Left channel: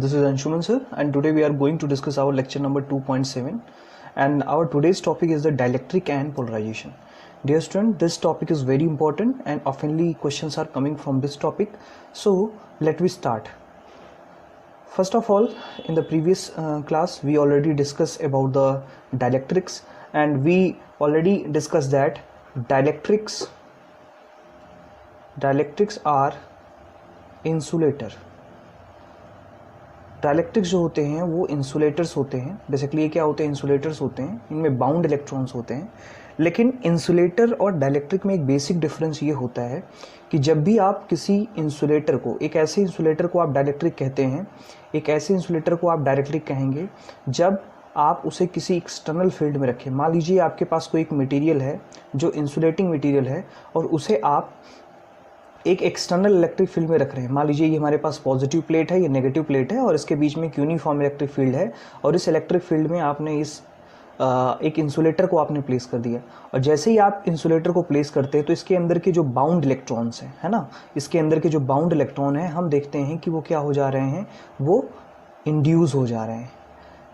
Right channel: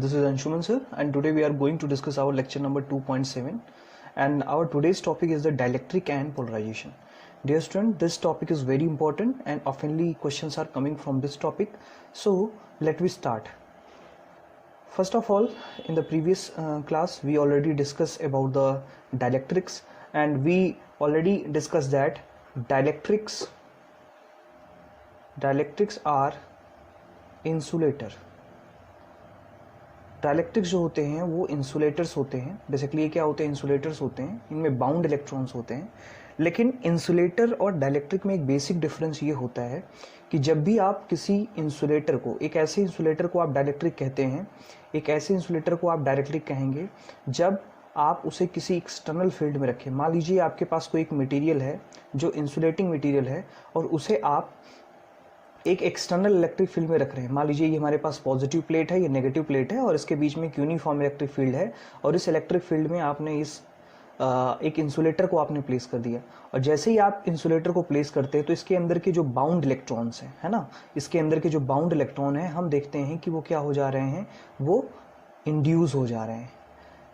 this is Anshuman sir, and today we are going to discuss our lecture number 2.7, and our today's topic is the dielectric and polarization. Dear student, this topic is very important and oftenly questions are coming from this topic. So let me start. First of all, in the previous class we already discussed about the dielectrics, and we already discussed that dielectrics are insulator. Dielectrics जो होते हैं वो insulators होते हैं. Basically ये क्या होते हैं? इंसुलेटर्स होते हैं. इनमें बाउंड इलेक्ट्रॉन्स होते हैं. लेकिन इंसुलेटर और डायलेक्ट्रिक में एक बेसिक डिफरेंस ये होता है कि जब भी आप किसी इंसुलेटर को, एक ऐसे इंसुलेटर को आप डायलेक्ट्रिक कहते हैं, एक ऐसे इंसुलेटर को आप डायलेक्ट्रिक कहेंगे जब आप उसे किसी एक्सटर्नल फील्ड में रखें. मान लीजिए आपके पास कोई एक मटेरियल है जो इंसुलेटिंग मटेरियल है और उसे आप एक एक्सटर्नल इलेक्ट्रिक फील्ड में रख रहे हैं. मान लीजिए ये हमारे पास पॉजिटिव प्लेट है, ये नेगेटिव प्लेट है और इसके बीच में एक यूनिफॉर्म इलेक्ट्रिक फील्ड है, और इस इलेक्ट्रिक फील्ड में आपने इस एक इंसुलेटर को आपने प्लेस कर दिया. और जैसे ही आप इंसुलेटर को प्लेस करते हैं तो इसके अंदर के जो बाउंड इलेक्ट्रॉन्स हैं, है ना, इसके अंदर के जो बाउंड इलेक्ट्रॉन हैं, हम देखते हैं कि वो क्या हो जा रहे हैं, वो इंड्यूस हो जा रहे हैं.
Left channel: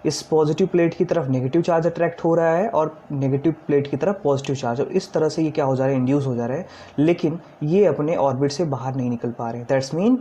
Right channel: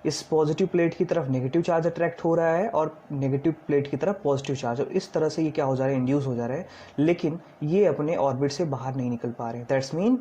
इस पॉजिटिव प्लेट की तरफ नेगेटिव चार्ज अट्रैक्ट हो रहा है और नेगेटिव प्लेट की तरफ पॉजिटिव चार्ज, और इस तरह से ये क्या हो जा रहा है, इंड्यूस हो जा रहा है. लेकिन ये अपने ऑर्बिट से बाहर नहीं निकल पा रहे. That's mean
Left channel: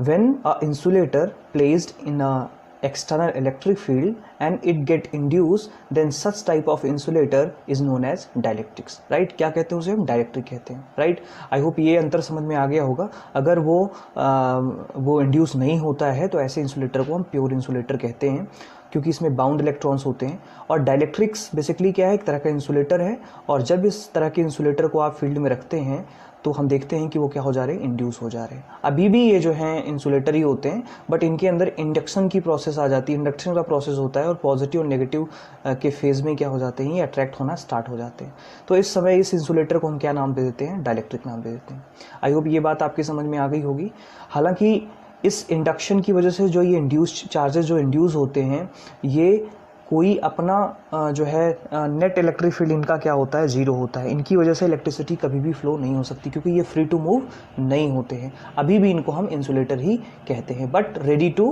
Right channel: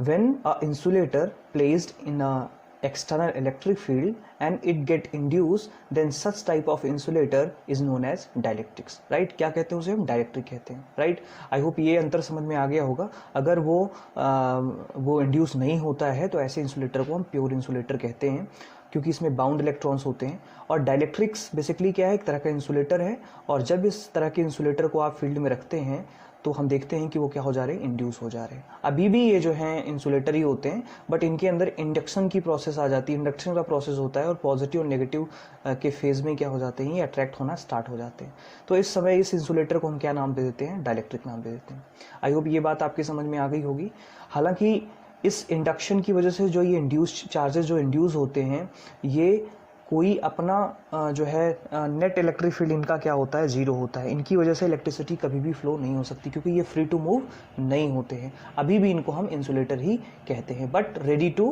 when a insulator placed in a external electric field and it get induced, then such type of insulator is known as dielectrics. right? क्या कहते हैं उसे? हम डायलेक्ट्रिक कहते हैं. राइट? आई होप ये अंतर समझ में आ गया होगा. अगर वो इंड्यूस नहीं होता है तो ऐसे इंसुलेटर को हम प्योर इंसुलेटर कहते हैं, क्योंकि इसमें बाउंड इलेक्ट्रॉन्स होते हैं. और डायलेक्ट्रिक्स बेसिकली क्या है? एक तरह का इंसुलेटर है, और जब इस तरह के इंसुलेटर को आप फील्ड में रखते हैं तो हम देखते हैं कि वो क्या हो जा रहे हैं, इंड्यूस हो जा रहे हैं. अभी भी ये जो हैं इंसुलेटर ही होते हैं, बट इनके अंदर इंडक्शन की प्रोसेस आ जाती है. इंडक्शन का प्रोसेस होता है और पॉजिटिव और नेगेटिव के फेज में क्या हो जाते हैं, ये अट्रैक्ट होना स्टार्ट हो जाते हैं. तो इस समय इस इंसुलेटर को हम क्या नाम दे देते हैं? डायलेक्ट्रिक नाम दे देते हैं. आई होप ये बात आपकी समझ में आ गई होगी. हालांकि इस इंडक्शन की वजह से जो ये इंड्यूस चार्जेस जो इंड्यूस होते हैं, ये कोई अपना जो है नेट इलेक्ट्रिक फील्ड इनका क्या होता है, जीरो होता है. इनकी वजह से इलेक्ट्रिसिटी कभी भी फ्लो नहीं हो सकती, क्योंकि ये फ्री टू मूव नहीं होते हैं. अभी भी इनको हम इंसुलेटर ही कहते हैं, but ready to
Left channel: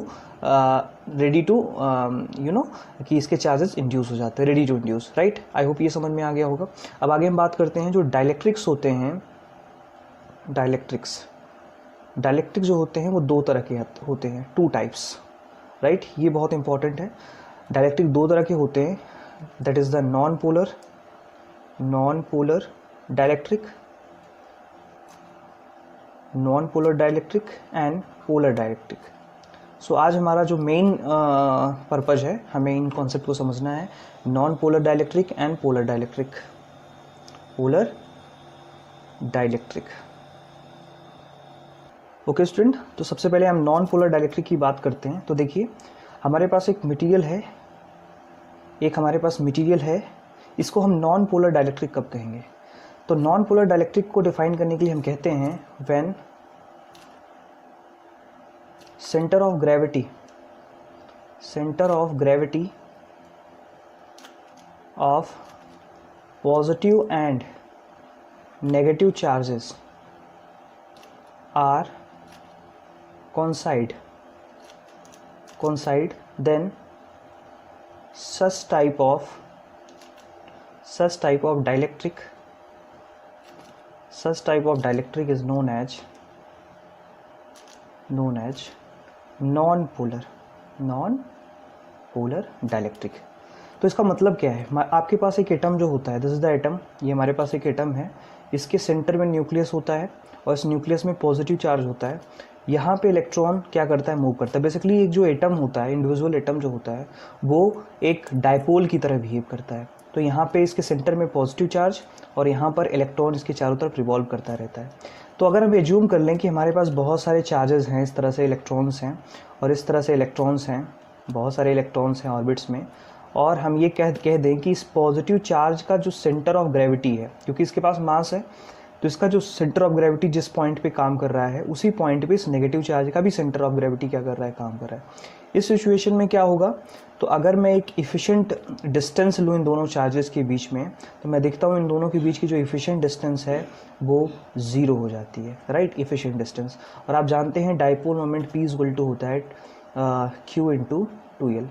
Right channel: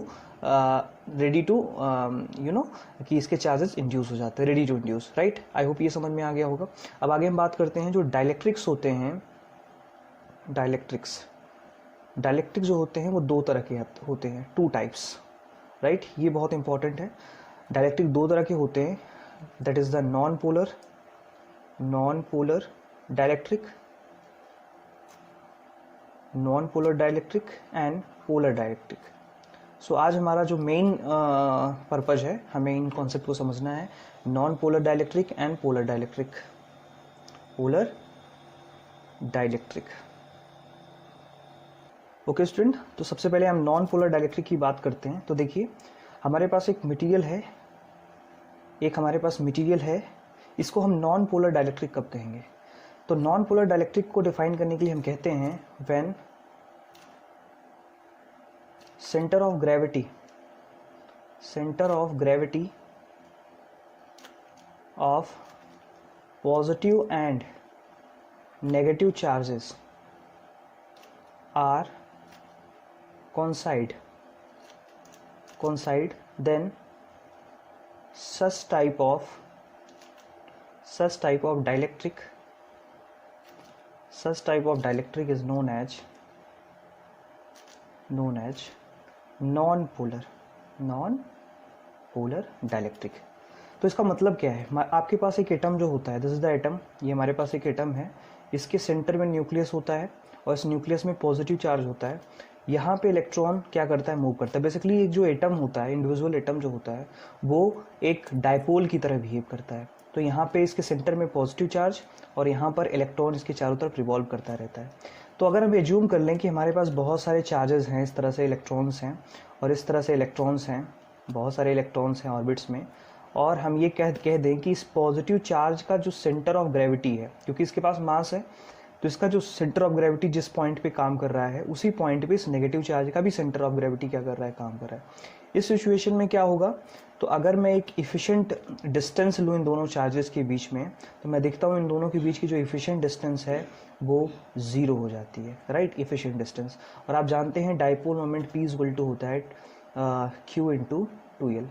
you know कि इसके चार्जेस इंड्यूस हो जाते हैं, ready to induce. Right? I hope ये समझ में आ गया होगा. अब आगे हम बात करते हैं जो डायलेक्ट्रिक्स होते हैं. डायलेक्ट्रिक जो होते हैं वो दो तरह के होते हैं, टू टाइप्स. राइट? ये बहुत इंपॉर्टेंट है. डायलेक्ट्रिक दो तरह के होते हैं, that is the non polar dielectric and polar dielectric. So आज हमारा जो मेन पर्पज है, हमें इन कॉन्सेप्ट को समझना है. Non polar dielectric and polar dielectric. Okay student, तो सबसे पहले हम नॉन पोलर डायलेक्ट्रिक की बात करते हैं. तो देखिए, हमारे पास एक मटेरियल है, इसको हम नॉन पोलर डायलेक्ट्रिक कब कहेंगे? तो नॉन पोलर डायलेक्ट्रिक को डिफाइन करने के लिए हम कहते हैं when centre of gravity of positive and negative charges are coincide, then such type of dielectric is known as non-polar dielectric. तो इसका मतलब क्या है? आपके पास एक एटम जो होता है, दिस इज द एटम, ये हमारे पास एक एटम है, इसके सेंटर में न्यूक्लियस होता है और इस न्यूक्लियस में पॉजिटिव चार्ज होता है. यहाँ पे इलेक्ट्रॉन क्या करता है, मूव करता है. बेसिकली एक जो एटम होता है, इंडिविजुअल एटम जो होता है, वो एक डायपोल की तरह बिहेव करता है. तो यहाँ पे इसके सेंटर में पॉजिटिव चार्ज और यहाँ पर इलेक्ट्रॉन इसके चारों तरफ रिवॉल्व करता रहता है. तो अगर हम एज्यूम कर लें कि हमारे पास बहुत सारे चार्जेस हैं, इस तरह से इलेक्ट्रॉन्स हैं और इस तरह से इलेक्ट्रॉन्स हैं, बहुत सारे इलेक्ट्रॉन्स हैं ऑर्बिट्स में, और हम ये कह दें कि इस पॉजिटिव चार्ज का जो सेंटर ऑफ ग्रेविटी है, क्योंकि इसके पास मास है, तो इसका जो सेंटर ऑफ ग्रेविटी जिस पॉइंट पे काम कर रहा है, उसी पॉइंट पे इस नेगेटिव चार्ज का भी सेंटर ऑफ ग्रेविटी क्या कर रहा है, काम कर रहा है. इस सिचुएशन में क्या होगा? तो अगर मैं एक इफिशिएंट डिस्टेंस लूँ इन दोनों चार्जेस के बीच में, तो मैं देखता हूँ इन दोनों के बीच की जो इफिशिएंट डिस्टेंस है वो ज़ीरो हो जाती है, राइट, इफिशिएंट डिस्टेंस. और आप जानते हैं dipole moment P equal to होता है Q इंटू 2L।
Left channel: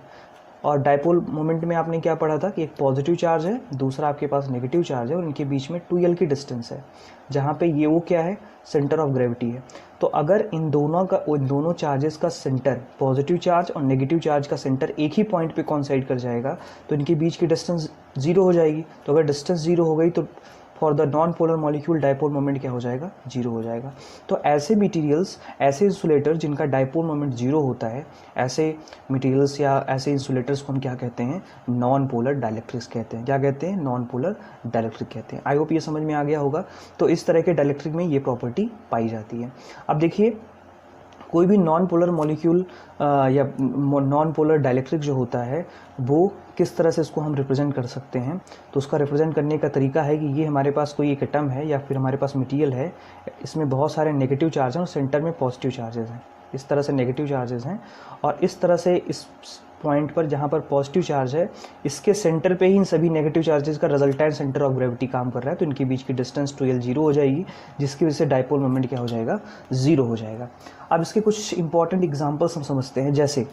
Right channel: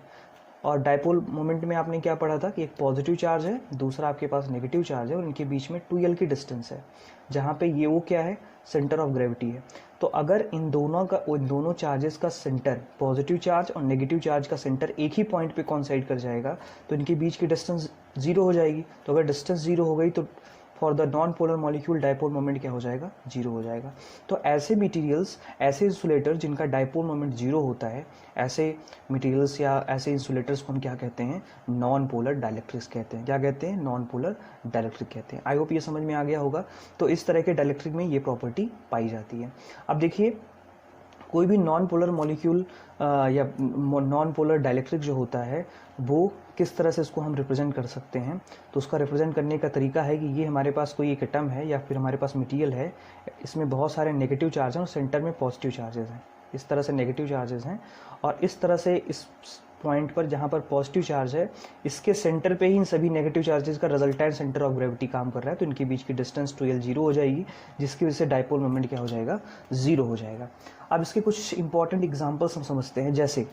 और डायपोल मोमेंट में आपने क्या पढ़ा था कि एक पॉजिटिव चार्ज है, दूसरा आपके पास नेगेटिव चार्ज है और इनके बीच में 2L की डिस्टेंस है, जहाँ पे ये वो क्या है, सेंटर ऑफ ग्रेविटी है। तो अगर इन दोनों चार्जेस का सेंटर, पॉजिटिव चार्ज और नेगेटिव चार्ज का सेंटर एक ही पॉइंट पे कॉन्साइड कर जाएगा तो इनके बीच की डिस्टेंस जीरो हो जाएगी। तो अगर डिस्टेंस जीरो हो गई तो for the non polar molecule dipole moment क्या हो जाएगा, जीरो हो जाएगा। तो ऐसे मटेरियल्स, ऐसे इंसुलेटर जिनका डायपोल मोमेंट जीरो होता है, ऐसे मटेरियल्स या ऐसे इंसुलेटर्स को हम क्या कहते हैं, नॉन पोलर डाइलेक्ट्रिक्स कहते हैं। क्या कहते हैं, नॉन पोलर डाइलेक्ट्रिक कहते हैं। आई होप ये समझ में आ गया होगा। तो इस तरह के डाइलेक्ट्रिक में ये प्रॉपर्टी पाई जाती है। अब देखिए, कोई भी नॉन पोलर मॉलिक्यूल या नॉन पोलर डाइलेक्ट्रिक जो होता है वो किस तरह से इसको हम रिप्रेजेंट कर सकते हैं। तो उसका रिप्रेजेंट करने का तरीका है कि ये हमारे पास कोई एक एटम है या फिर हमारे पास मटेरियल है, इसमें बहुत सारे नेगेटिव चार्ज हैं और सेंटर में पॉजिटिव चार्जेस हैं। इस तरह से नेगेटिव चार्जेस हैं और इस तरह से इस पॉइंट पर जहाँ पर पॉजिटिव चार्ज है, इसके सेंटर पे ही इन सभी नेगेटिव चार्जेस का रिजल्टेंट सेंटर ऑफ ग्रेविटी काम कर रहा है। तो इनके बीच की डिस्टेंस 2L जीरो हो जाएगी, जिसकी वजह से डायपोल मोमेंट क्या हो जाएगा, जीरो हो जाएगा। अब इसके कुछ इंपॉर्टेंट एग्जांपल्स हम समझते हैं। जैसे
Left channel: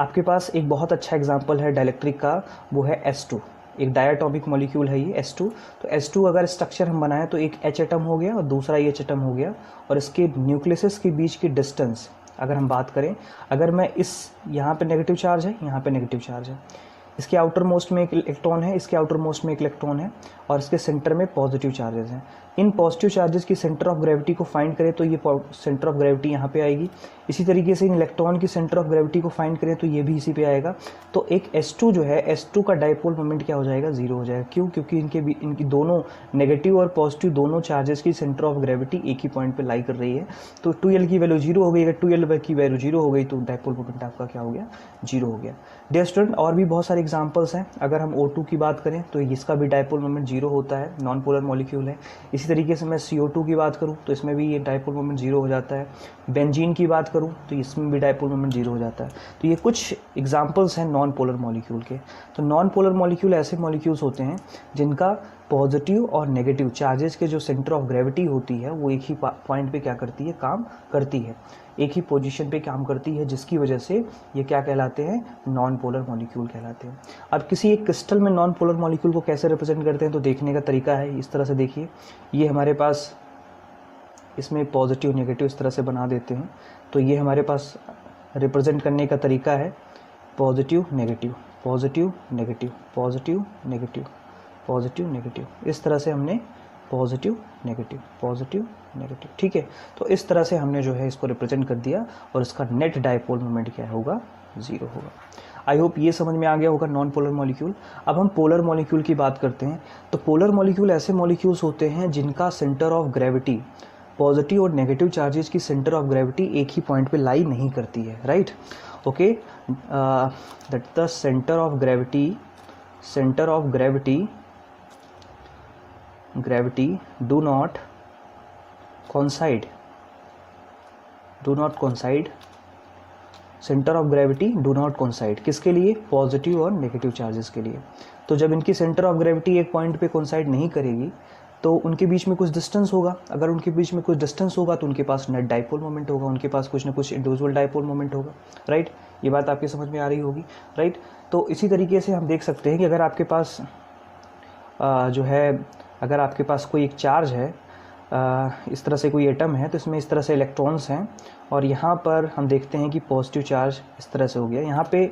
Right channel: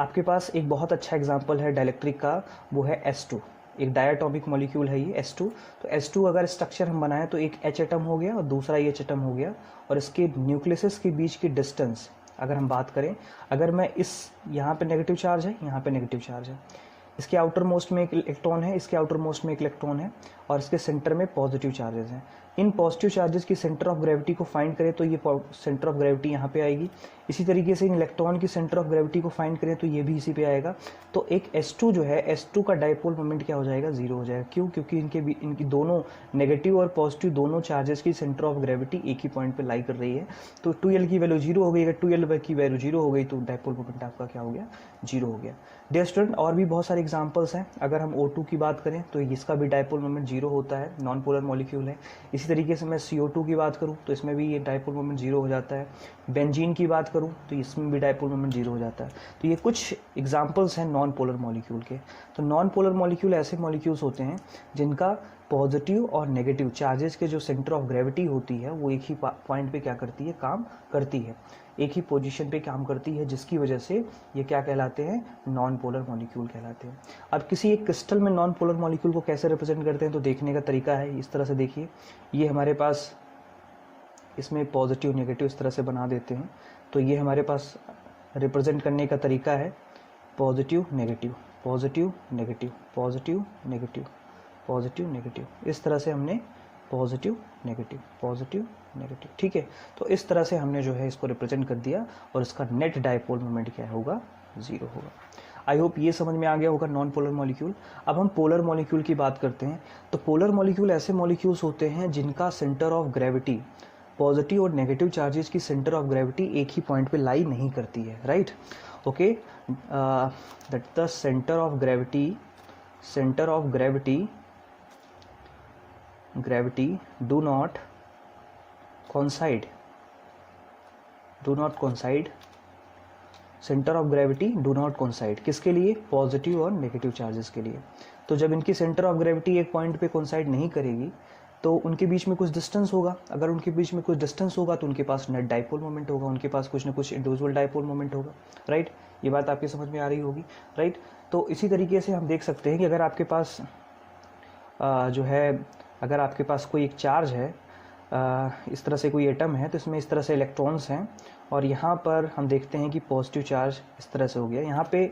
आपके पास एक बहुत अच्छा एग्जांपल है डाइलेक्ट्रिक का, वो है S2। एक डायटॉमिक मॉलिक्यूल है ये S2। तो S2 अगर स्ट्रक्चर हम बनाएं तो एक H एटम हो गया और दूसरा H एटम हो गया, और इसके न्यूक्लियस के बीच की डिस्टेंस अगर हम बात करें, अगर मैं इस यहाँ पे नेगेटिव चार्ज है, यहाँ पे नेगेटिव चार्ज है, इसके आउटर मोस्ट में एक इलेक्ट्रॉन है, इसके आउटर मोस्ट में एक इलेक्ट्रॉन है और इसके सेंटर में पॉजिटिव चार्जेस हैं। इन पॉजिटिव चार्जेस की सेंटर ऑफ ग्रेविटी को फाइंड करें तो ये सेंटर ऑफ ग्रेविटी यहाँ पे आएगी। इसी तरीके से इन इलेक्ट्रॉन की सेंटर ऑफ ग्रेविटी को फाइंड करें तो ये भी इसी पे आएगा। तो एक S2 जो है, S2 का डायपोल मोमेंट क्या हो जाएगा, जीरो हो जाएगा। क्यों? क्योंकि इनकी दोनों नेगेटिव और पॉजिटिव दोनों चार्जेस की सेंटर ऑफ ग्रेविटी एक ही पॉइंट पे लाई कर रही है। तो 2L की वैल्यू जीरो हो गई। अगर 2L की वैल्यू जीरो हो गई तो डायपोल मोमेंट आपका क्या हो गया, जीरो हो गया। डियर स्टूडेंट, और भी बहुत सारे एग्जांपल्स हैं। अगर हम O2 की बात करें तो इसका भी डायपोल मोमेंट जीरो होता है, नॉन पोलर मॉलिक्यूल है। इसी तरीके से मैं CO2 की बात करूं तो इसमें भी ये डायपोल मोमेंट जीरो हो जाता है। बेंजीन की बात करूं तो इसमें भी डायपोल मोमेंट जीरो हो जाता है। तो ये कुछ एग्जांपल्स हैं नॉन पोलर मॉलिक्यूल के। तो नॉन पोलर मॉलिक्यूल ऐसे मॉलिक्यूल्स होते हैं जिनका पॉजिटिव और नेगेटिव चार्जेस के जो सेंटर ऑफ ग्रेविटी होती है वो एक ही पॉइंट पे क्या करती है, काम करती है, एक ही पोजीशन पे काम करती है, जिसकी वजह से ये क्या कहलाते हैं, नॉन पोलर मॉलिक्यूल कहलाते हैं। अब किसी एक क्रिस्टल में नॉन पोलर मॉलिक्यूल को कैसे रिप्रेजेंट करते हैं तो देखने का तरीका है इस तरह से। देखिए, ये हमारे पास इसमें पॉजिटिव नेगेटिव इस तरह से बना देते हैं। तो ये हमारे पास रिप्रेजेंट करने का तरीका है positive negative, positive negative, positive negative, positive negative. इस तरह से हमने पॉजिटिव नेगेटिव, पॉजिटिव नेगेटिव, ठीक है। तो इस तरह से हमने जो है इसको रिप्रेजेंट कर दिया और इसका नेट डायपोल मोमेंट क्या होगा, जीरो होगा। आई होप ये समझ में आ गया होगा नॉन पोलर मॉलिक्यूल। अब हम पोलर मॉलिक्यूल की बात करते हैं। तो पोलर मॉलिक्यूल ऐसे मॉलिक्यूल्स होते हैं जिनका सेंटर ऑफ ग्रेविटी, पॉजिटिव और नेगेटिव चार्जेस की सेंटर ऑफ ग्रेविटी एक ही पॉइंट पे लाई नहीं करती है, right. Okay, that the centre of gravity do not coincide, centre of gravity do not coincide. किसके लिए, पॉजिटिव और नेगेटिव चार्जेस के लिए। तो जब इनकी सेंटर ऑफ ग्रेविटी एक पॉइंट पे कोइंसाइड नहीं करेगी तो उनके बीच में कुछ डिस्टेंस होगा। अगर उनके बीच में कुछ डिस्टेंस होगा तो उनके पास नेट डायपोल मोमेंट होगा, उनके पास कुछ ना कुछ इंडिविजुअल डायपोल मोमेंट होगा, राइट। ये बात आपकी समझ में आ रही होगी, राइट। तो इसी तरीके से हम देख सकते हैं कि अगर आपके पास जो है, अगर आपके पास कोई एक चार्ज है, इस तरह से कोई एटम है, तो इसमें इस तरह से इलेक्ट्रॉन्स हैं और यहाँ पर हम देखते हैं कि पॉजिटिव चार्ज इस तरह से हो गया। यहाँ पे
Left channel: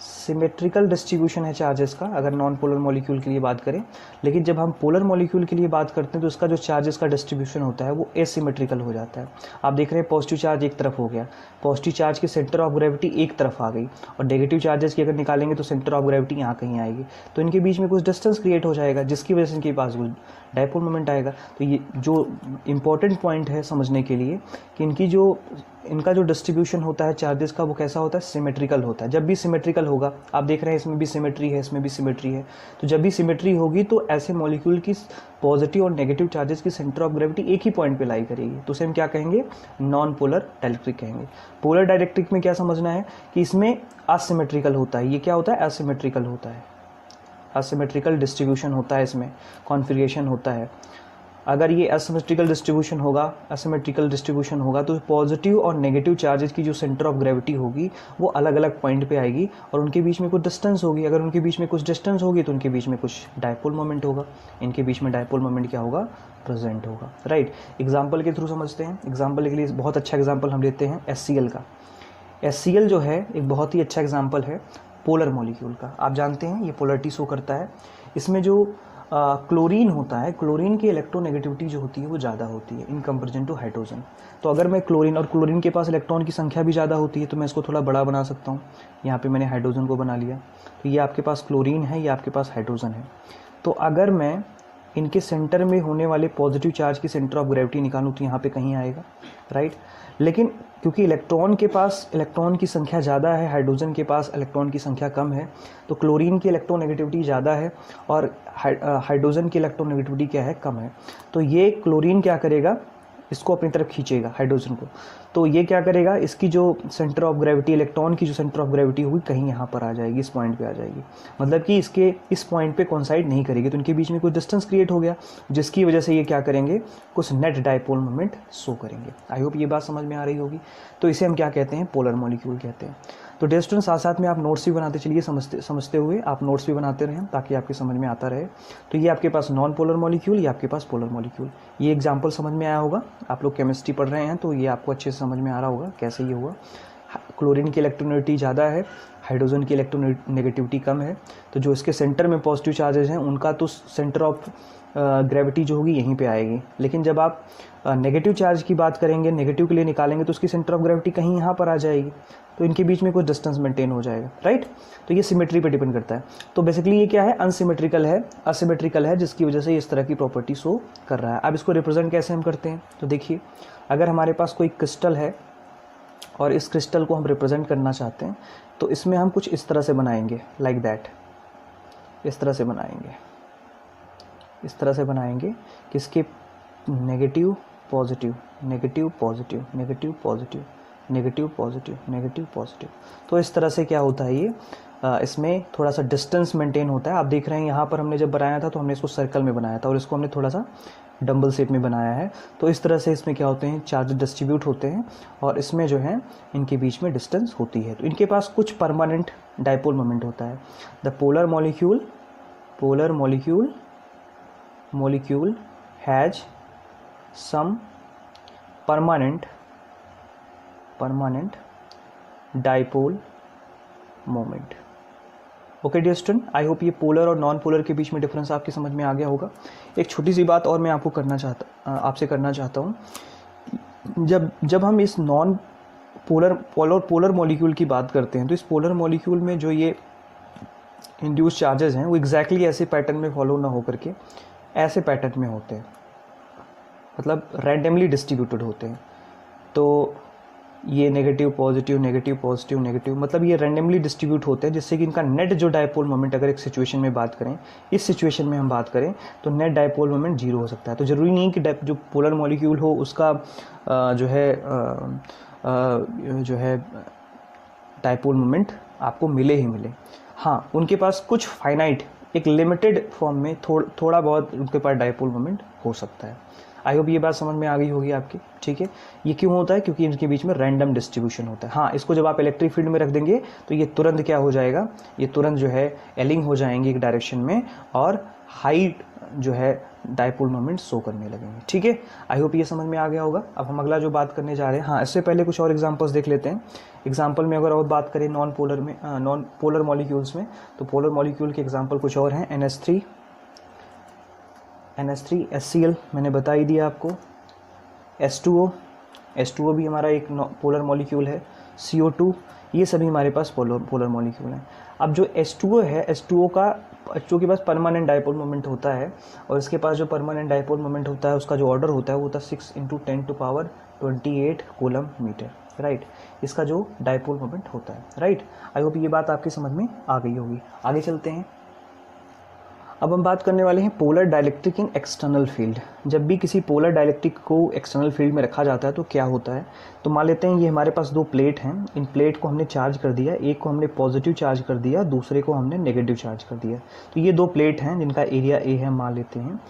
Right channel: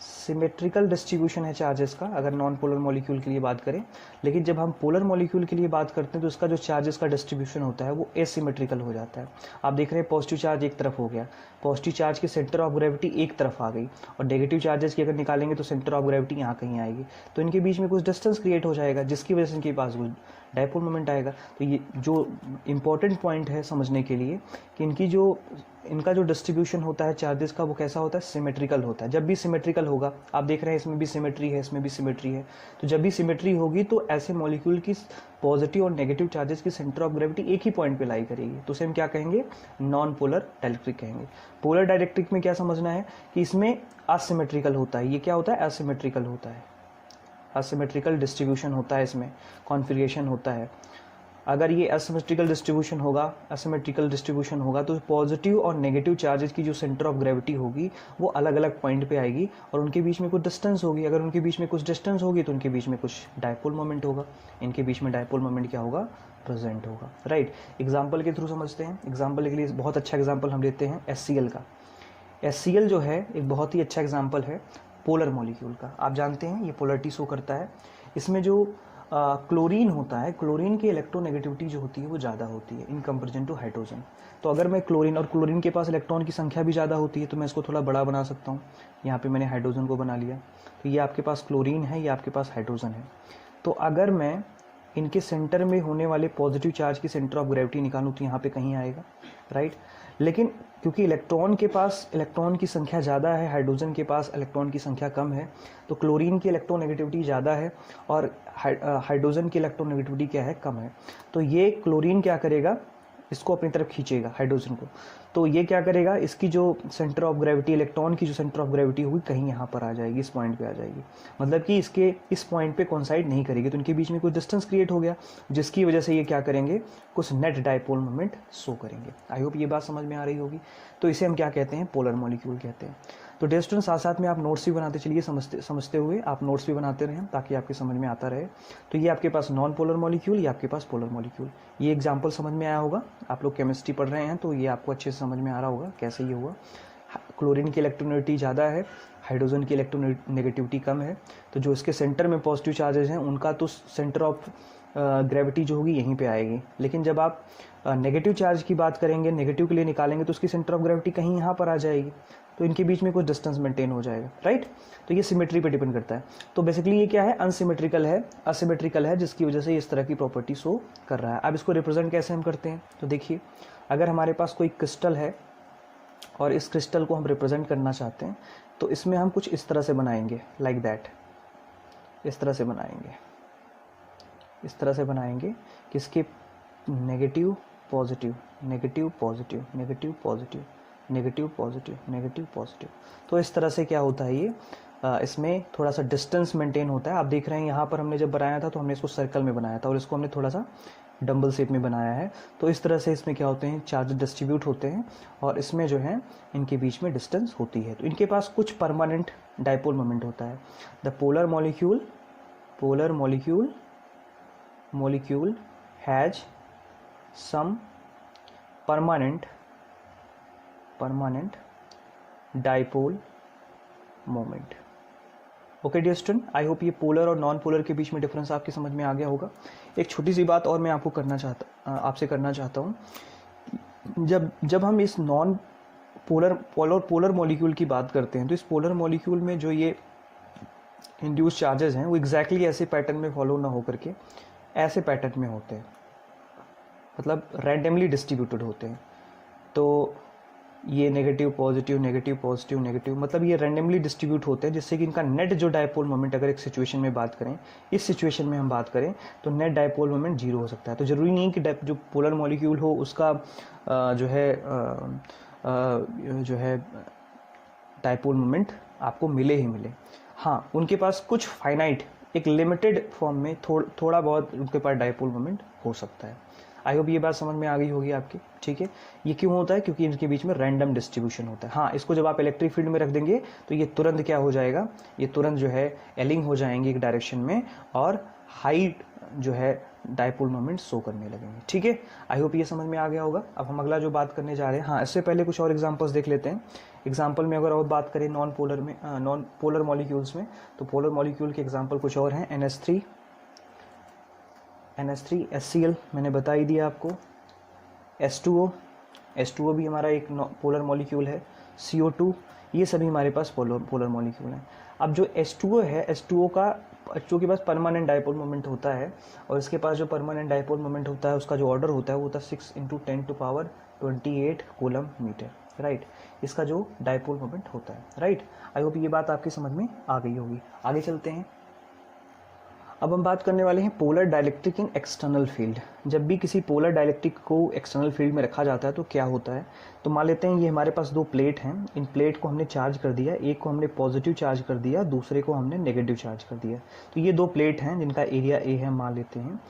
सिमेट्रिकल डिस्ट्रीब्यूशन है चार्जेस का, अगर नॉन पोलर मॉलिक्यूल के लिए बात करें। लेकिन जब हम पोलर मॉलिक्यूल के लिए बात करते हैं तो उसका जो चार्जेस का डिस्ट्रीब्यूशन होता है वो एसिमेट्रिकल हो जाता है। आप देख रहे हैं पॉजिटिव चार्ज एक तरफ हो गया, पॉजिटिव चार्ज की सेंटर ऑफ ग्रेविटी एक तरफ आ गई, और नेगेटिव चार्जेस की अगर निकालेंगे तो सेंटर ऑफ ग्रेविटी यहाँ कहीं आएगी। तो इनके बीच में कुछ डिस्टेंस क्रिएट हो जाएगा, जिसकी वजह से इनके पास कुछ डायपोल मोमेंट आएगा। तो ये जो इम्पोर्टेंट पॉइंट है समझने के लिए कि इनका जो डिस्ट्रीब्यूशन होता है चार्जेस का वो कैसा होता है, सिमेट्रिकल होता है। जब भी सिमेट्रिकल होगा, आप देख रहे हैं इसमें भी सिमेट्री है, इसमें भी सिमेट्री है, तो जब भी सिमेट्री होगी तो ऐसे मॉलिक्यूल की पॉजिटिव और नेगेटिव चार्जेस की सेंटर ऑफ ग्रेविटी एक ही पॉइंट पे लाई करेगी। तो उसे हम क्या कहेंगे, नॉन पोलर डाइलेक्ट्रिक कहेंगे। पोलर डाइलेक्ट्रिक में क्या समझना है कि इसमें असिमेट्रिकल होता है। ये क्या होता है, असिमेट्रिकल होता है, असिमेट्रिकल डिस्ट्रीब्यूशन होता है, इसमें कॉन्फिगरेशन होता है। अगर ये असिमेट्रिकल डिस्ट्रीब्यूशन होगा तो पॉजिटिव और नेगेटिव चार्जेस की जो सेंटर ऑफ ग्रेविटी होगी वो अलग अलग पॉइंट पे आएगी और उनके बीच में कुछ डिस्टेंस होगी। अगर उनके बीच में कुछ डिस्टेंस होगी तो उनके बीच में कुछ डायपोल मोमेंट होगा, इनके बीच में डायपोल मोमेंट क्या होगा, प्रेजेंट होगा, राइट। एग्जाम्पल के थ्रू समझते हैं। एग्जाम्पल के लिए बहुत अच्छा एग्जाम्पल हम लेते हैं HCl का। HCl जो है एक बहुत ही अच्छा एग्जाम्पल है पोलर मॉलिक्यूल का। आप जानते हैं ये पोलरिटी शो करता है। इसमें जो क्लोरीन होता है, क्लोरीन की इलेक्ट्रोनेगेटिविटी जो होती है वो ज़्यादा होती है इन कंपेरिजन टू हाइड्रोजन। तो अगर मैं क्लोरीन के पास इलेक्ट्रॉन की संख्या भी ज़्यादा होती है तो मैं इसको थोड़ा बड़ा बना सकता हूँ। यहाँ पे मैंने हाइड्रोजन को बना लिया, तो ये आपके पास क्लोरीन है, ये आपके पास हाइड्रोजन है। तो अगर मैं इनके सेंटर में होने वाले पॉजिटिव चार्ज की सेंटर ऑफ ग्रेविटी निकालूँ तो यहाँ पे कहीं आएगा, राइट। लेकिन क्योंकि इलेक्ट्रॉन के पास इलेक्ट्रॉन की संख्या ज़्यादा है, हाइड्रोजन के पास इलेक्ट्रॉन की संख्या कम है, तो क्लोरीन की इलेक्ट्रोनेगेटिविटी ज़्यादा है और हाइड्रोजन की इलेक्ट्रोनेगेटिविटी क्या है, कम है। तो ये क्लोरीन क्या करेगा, इसको अपनी तरफ खींचेगा हाइड्रोजन को। तो ये क्या करेगा, इसकी जो सेंटर ऑफ ग्रेविटी, इलेक्ट्रॉन की जो सेंटर ऑफ ग्रेविटी होगी कहीं यहाँ पर आ जाएगी, इस पॉइंट पे आ जाएगी। मतलब कि इसके इस पॉइंट पे कोइंसाइड नहीं करेगी, तो इनके बीच में कुछ डिस्टेंस क्रिएट हो गया, जिसकी वजह से ये क्या करेंगे, कुछ नेट डायपोल मोमेंट शो करेंगे। आई होप ये बात समझ में आ रही होगी। तो इसे हम क्या कहते हैं, पोलर मॉलिक्यूल कहते हैं। तो डियर स्टूडेंट, साथ साथ में आप नोट्स भी बनाते चलिए, समझते हुए आप नोट्स भी बनाते रहें ताकि आपके समझ में आता रहे। तो ये आपके पास नॉन पोलर मॉलिक्यूल, ये आपके पास पोलर मॉलिक्यूल। ये एग्जांपल समझ में आया होगा, आप लोग केमिस्ट्री पढ़ रहे हैं तो ये आपको अच्छे से समझ में आ रहा होगा कैसे ये हुआ। क्लोरीन की इलेक्ट्रोनेगेटिविटी ज़्यादा है, हाइड्रोजन की इलेक्ट्रोनेगेटिविटी कम है, तो जो इसके सेंटर में पॉजिटिव चार्जेस हैं उनका तो सेंटर ऑफ ग्रेविटी जो होगी यहीं पे आएगी। लेकिन जब आप नेगेटिव चार्ज की बात करेंगे, नेगेटिव के लिए निकालेंगे तो उसकी सेंटर ऑफ ग्रेविटी कहीं यहाँ पर आ जाएगी, तो इनके बीच में कुछ डिस्टेंस मेंटेन हो जाएगा, राइट। तो ये सिमेट्री पे डिपेंड करता है। तो बेसिकली ये क्या है, अनसिमेट्रिकल है, जिसकी वजह से इस तरह की प्रॉपर्टी शो कर रहा है। अब इसको रिप्रेजेंट कैसे हम करते हैं, तो देखिए, अगर हमारे पास कोई क्रिस्टल है और इस क्रिस्टल को हम रिप्रेजेंट करना चाहते हैं तो इसमें हम कुछ इस तरह से बनाएंगे, लाइक दैट, इस तरह से बनाएंगे कि इसके negative positive, negative positive, negative positive, negative positive, negative positive. तो इस तरह से क्या होता है, ये इसमें थोड़ा सा डिस्टेंस मेंटेन होता है। आप देख रहे हैं यहाँ पर हमने जब बनाया था तो हमने इसको सर्कल में बनाया था और इसको हमने थोड़ा सा डंबल शेप में बनाया है। तो इस तरह से इसमें क्या होते हैं, चार्ज डिस्ट्रीब्यूट होते हैं और इसमें जो है इनके बीच में डिस्टेंस होती है। तो इनके पास कुछ परमानेंट डायपोल मोमेंट होता है। The polar molecule has some permanent dipole moment। Okay dear student, I hope ये पोलर और नॉन पोलर के बीच में डिफरेंस आपकी समझ में आ गया होगा। एक छोटी सी बात और मैं आपको आपसे करना चाहता हूँ। जब हम इस नॉन पोलर मॉलिक्यूल की बात करते हैं तो इस पोलर मॉलिक्यूल में जो ये इंड्यूस चार्जेस हैं वो एग्जैक्टली ऐसे पैटर्न में फॉलो ना होकर के ऐसे पैटर्न में होते हैं, मतलब रैंडमली डिस्ट्रीब्यूटेड होते हैं। तो ये negative positive, negative positive, negative, मतलब ये रैंडमली डिस्ट्रीब्यूट होते हैं, जिससे कि इनका नेट जो डायपोल मोमेंट, अगर एक सिचुएशन में बात करें, इस सिचुएशन में हम बात करें तो नेट डायपोल मोमेंट जीरो हो सकता है। तो ज़रूरी नहीं कि जो पोलर मॉलिक्यूल हो उसका जो है डायपोल मोमेंट आपको मिले ही मिले। हाँ, उनके पास कुछ फाइनाइट, एक लिमिटेड फॉर्म में थोड़ा बहुत उनके पास डायपोल मोमेंट हो सकता है। आई होप ये बात समझ में आ गई होगी आपकी, ठीक है। ये क्यों होता है, क्योंकि इनके बीच में रैंडम डिस्ट्रीब्यूशन होता है। हाँ, इसको जब आप इलेक्ट्रिक फील्ड में रख देंगे तो ये तुरंत क्या हो जाएगा, ये तुरंत जो है एलिंग हो जाएंगे एक डायरेक्शन में और हाइट जो है डायपोल मोमेंट शो करने लगेंगे, ठीक है। आई होप ये समझ में आ गया होगा। अब हम अगला जो बात करने जा रहे हैं, हाँ, इससे पहले कुछ और एग्जांपल्स देख लेते हैं। एग्जांपल में अगर और बात करें नॉन पोलर मॉलिक्यूल्स में, तो पोलर मॉलिक्यूल के एग्जांपल कुछ और हैं। NH3 HCl मैंने बता ही दिया आपको। H2O भी हमारा एक पोलर मॉलिक्यूल है। CO2, ये सभी हमारे पास पोलर मॉलिक्यूल हैं। अब जो H2O है, H2O के पास परमानेंट डायपोल मोमेंट होता है और इसके पास जो परमानेंट डायपोल मोमेंट होता है उसका जो ऑर्डर होता है वो होता है 6 × 10⁻28 कूलम मीटर, राइट। इसका जो डायपोल मोमेंट होता है, राइट। आई होप ये बात आपकी समझ में आ गई होगी। आगे चलते हैं। अब हम बात करने वाले हैं पोलर डाइलेक्ट्रिक इन एक्सटर्नल फील्ड। जब भी किसी पोलर डाइलेक्ट्रिक को एक्सटर्नल फील्ड में रखा जाता है तो क्या होता है, तो मान लेते हैं ये हमारे पास दो प्लेट हैं। इन प्लेट को हमने चार्ज कर दिया, एक को हमने पॉजिटिव चार्ज कर दिया, दूसरे को हमने नेगेटिव चार्ज कर दिया। तो ये दो प्लेट हैं जिनका एरिया A है मान लेते हैं,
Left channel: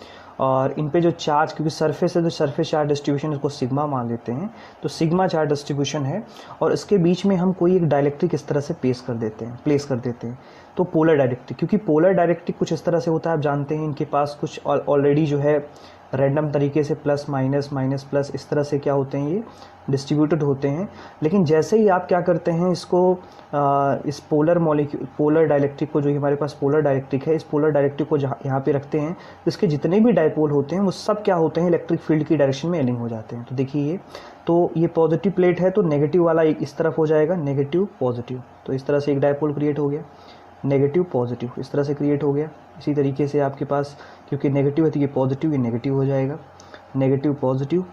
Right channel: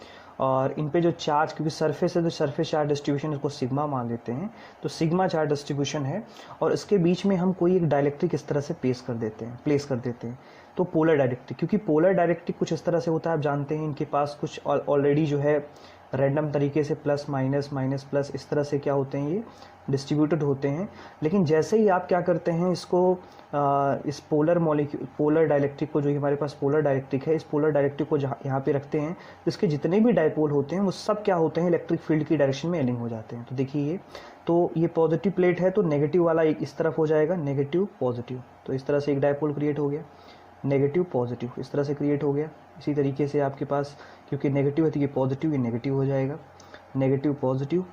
और इन पे जो चार्ज, क्योंकि सरफेस है तो सरफेस चार्ज डिस्ट्रीब्यूशन इसको सिग्मा मान लेते हैं, तो सिग्मा चार्ज डिस्ट्रीब्यूशन है, और इसके बीच में हम कोई एक डाइलेक्ट्रिक इस तरह से प्लेस कर देते हैं तो पोलर डाइलेक्ट्रिक, क्योंकि पोलर डाइलेक्ट्रिक कुछ इस तरह से होता है, आप जानते हैं इनके पास कुछ ऑलरेडी जो है रैंडम तरीके से प्लस माइनस माइनस प्लस इस तरह से क्या होते हैं, ये डिस्ट्रीब्यूटेड होते हैं। लेकिन जैसे ही आप क्या करते हैं इसको इस पोलर डाइलेक्ट्रिक को, जो हमारे पास पोलर डाइलेक्ट्रिक है, इस पोलर डाइलेक्ट्रिक को यहाँ पे रखते हैं, तो इसके जितने भी डाइपोल होते हैं वो सब क्या होते हैं, इलेक्ट्रिक फील्ड की डायरेक्शन में एलिंग हो जाते हैं। तो देखिए ये पॉजिटिव प्लेट है तो नेगेटिव वाला एक इस तरफ हो जाएगा, नेगेटिव पॉजिटिव, तो इस तरह से एक डाइपोल क्रिएट हो गया, नेगेटिव पॉजिटिव इस तरह से क्रिएट हो गया। इसी तरीके से आपके पास क्योंकि नेगेटिव है तो ये पॉजिटिव, ये नेगेटिव हो जाएगा, नेगेटिव पॉजिटिव,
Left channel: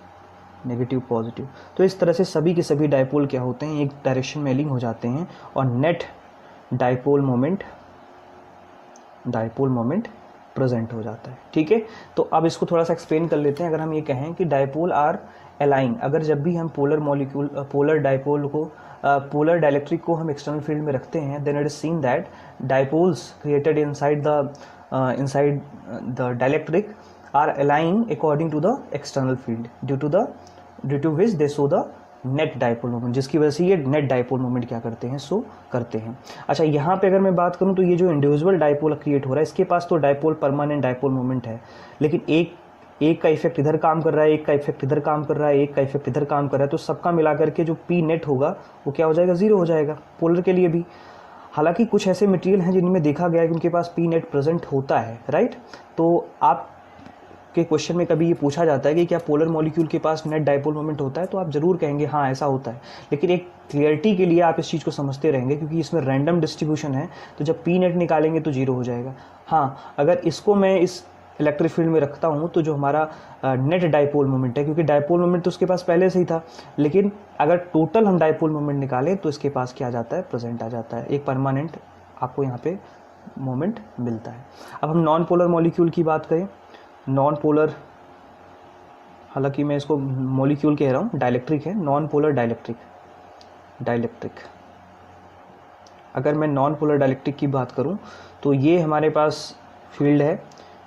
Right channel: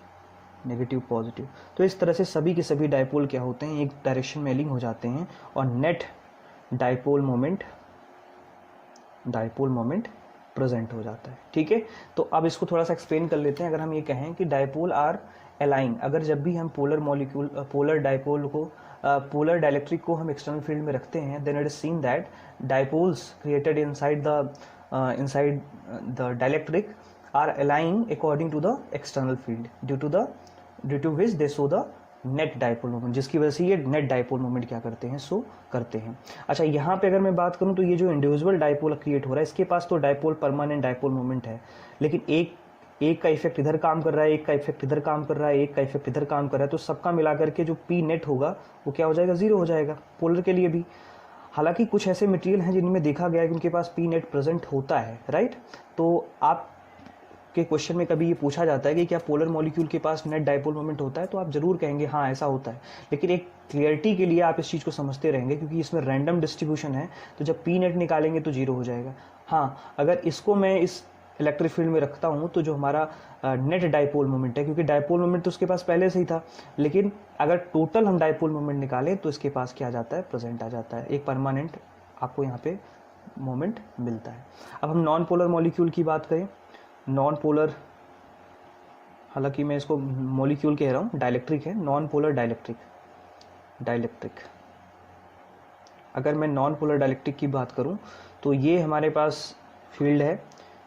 नेगेटिव पॉजिटिव। तो इस तरह से सभी के सभी डाइपोल क्या होते हैं, एक डायरेक्शन में एलिंग हो जाते हैं और नेट डाइपोल मोमेंट प्रेजेंट हो जाता है। ठीक है, तो अब इसको थोड़ा सा एक्सप्लेन कर लेते हैं। अगर हम ये कहें कि डाइपोल आर अलाइन, अगर जब भी हम पोलर डाइलेक्ट्रिक को हम एक्सटर्नल फील्ड में रखते हैं, then it is seen that dipoles created inside the dielectric are aligned according to the external field due to which they show the net dipole moment, जिसकी वजह से ये net dipole moment क्या करते हैं, शो करते हैं। अच्छा, यहाँ पे अगर मैं बात करूँ तो ये जो इंडिविजुअल डाइपोल क्रिएट हो रहा है, इसके पास तो डाइपोल परमानेंट डाइपोल मोमेंट है, लेकिन एक का इफेक्ट इधर काम कर रहा है, एक का इफेक्ट इधर काम कर रहा है, एक का इफेक्ट इधर काम कर रहा है, तो सबका मिलाकर के जो पी नेट होगा वो क्या हो जाएगा, जीरो हो जाएगा पोलर के लिए भी। हालांकि कुछ ऐसे मटेरियल हैं जिनमें देखा गया है कि उनके पास पी नेट प्रेजेंट होता है, राइट। तो आप के क्वेश्चन में कभी ये पूछा जाता है कि क्या पोलर मॉलिक्यूल के पास नेट डाइपोल मोमेंट होता है, तो आप जरूर कहेंगे हाँ ऐसा होता है, लेकिन एक क्लियरिटी के लिए आप इस चीज़ को समझते रहेंगे क्योंकि इसमें रैंडम डिस्ट्रीब्यूशन है, तो जब पी नेट निकालेंगे तो जीरो हो जाएगा। हाँ, अगर इसको मैं इस इलेक्ट्रिक फील्ड में रखता हूँ तो जो हमारा नेट डाइपोल मोमेंट है, क्योंकि डाइपोल मोमेंट तो उसके पास पहले से ही था, लेकिन अगर टोटल हम डाइपोल मोमेंट निकालें तो इसके पास क्या आ जाता है, प्रेजेंट आ जाता है, एक परमानेंट आपको यहाँ पे मोमेंट मिलता है। अब हम नॉन पोलर मॉलिक्यूल की बात करें, नॉन पोलर, हालांकि मैं इसको मॉलिक्यूल कह रहा हूँ, डाइलेक्ट्रिक है, नॉन पोलर डाइलेक्ट्रिक। अगर मैं नॉन पोलर डाइलेक्ट्रिक की बात करूँ तो ये हमारे पास फील्ड है,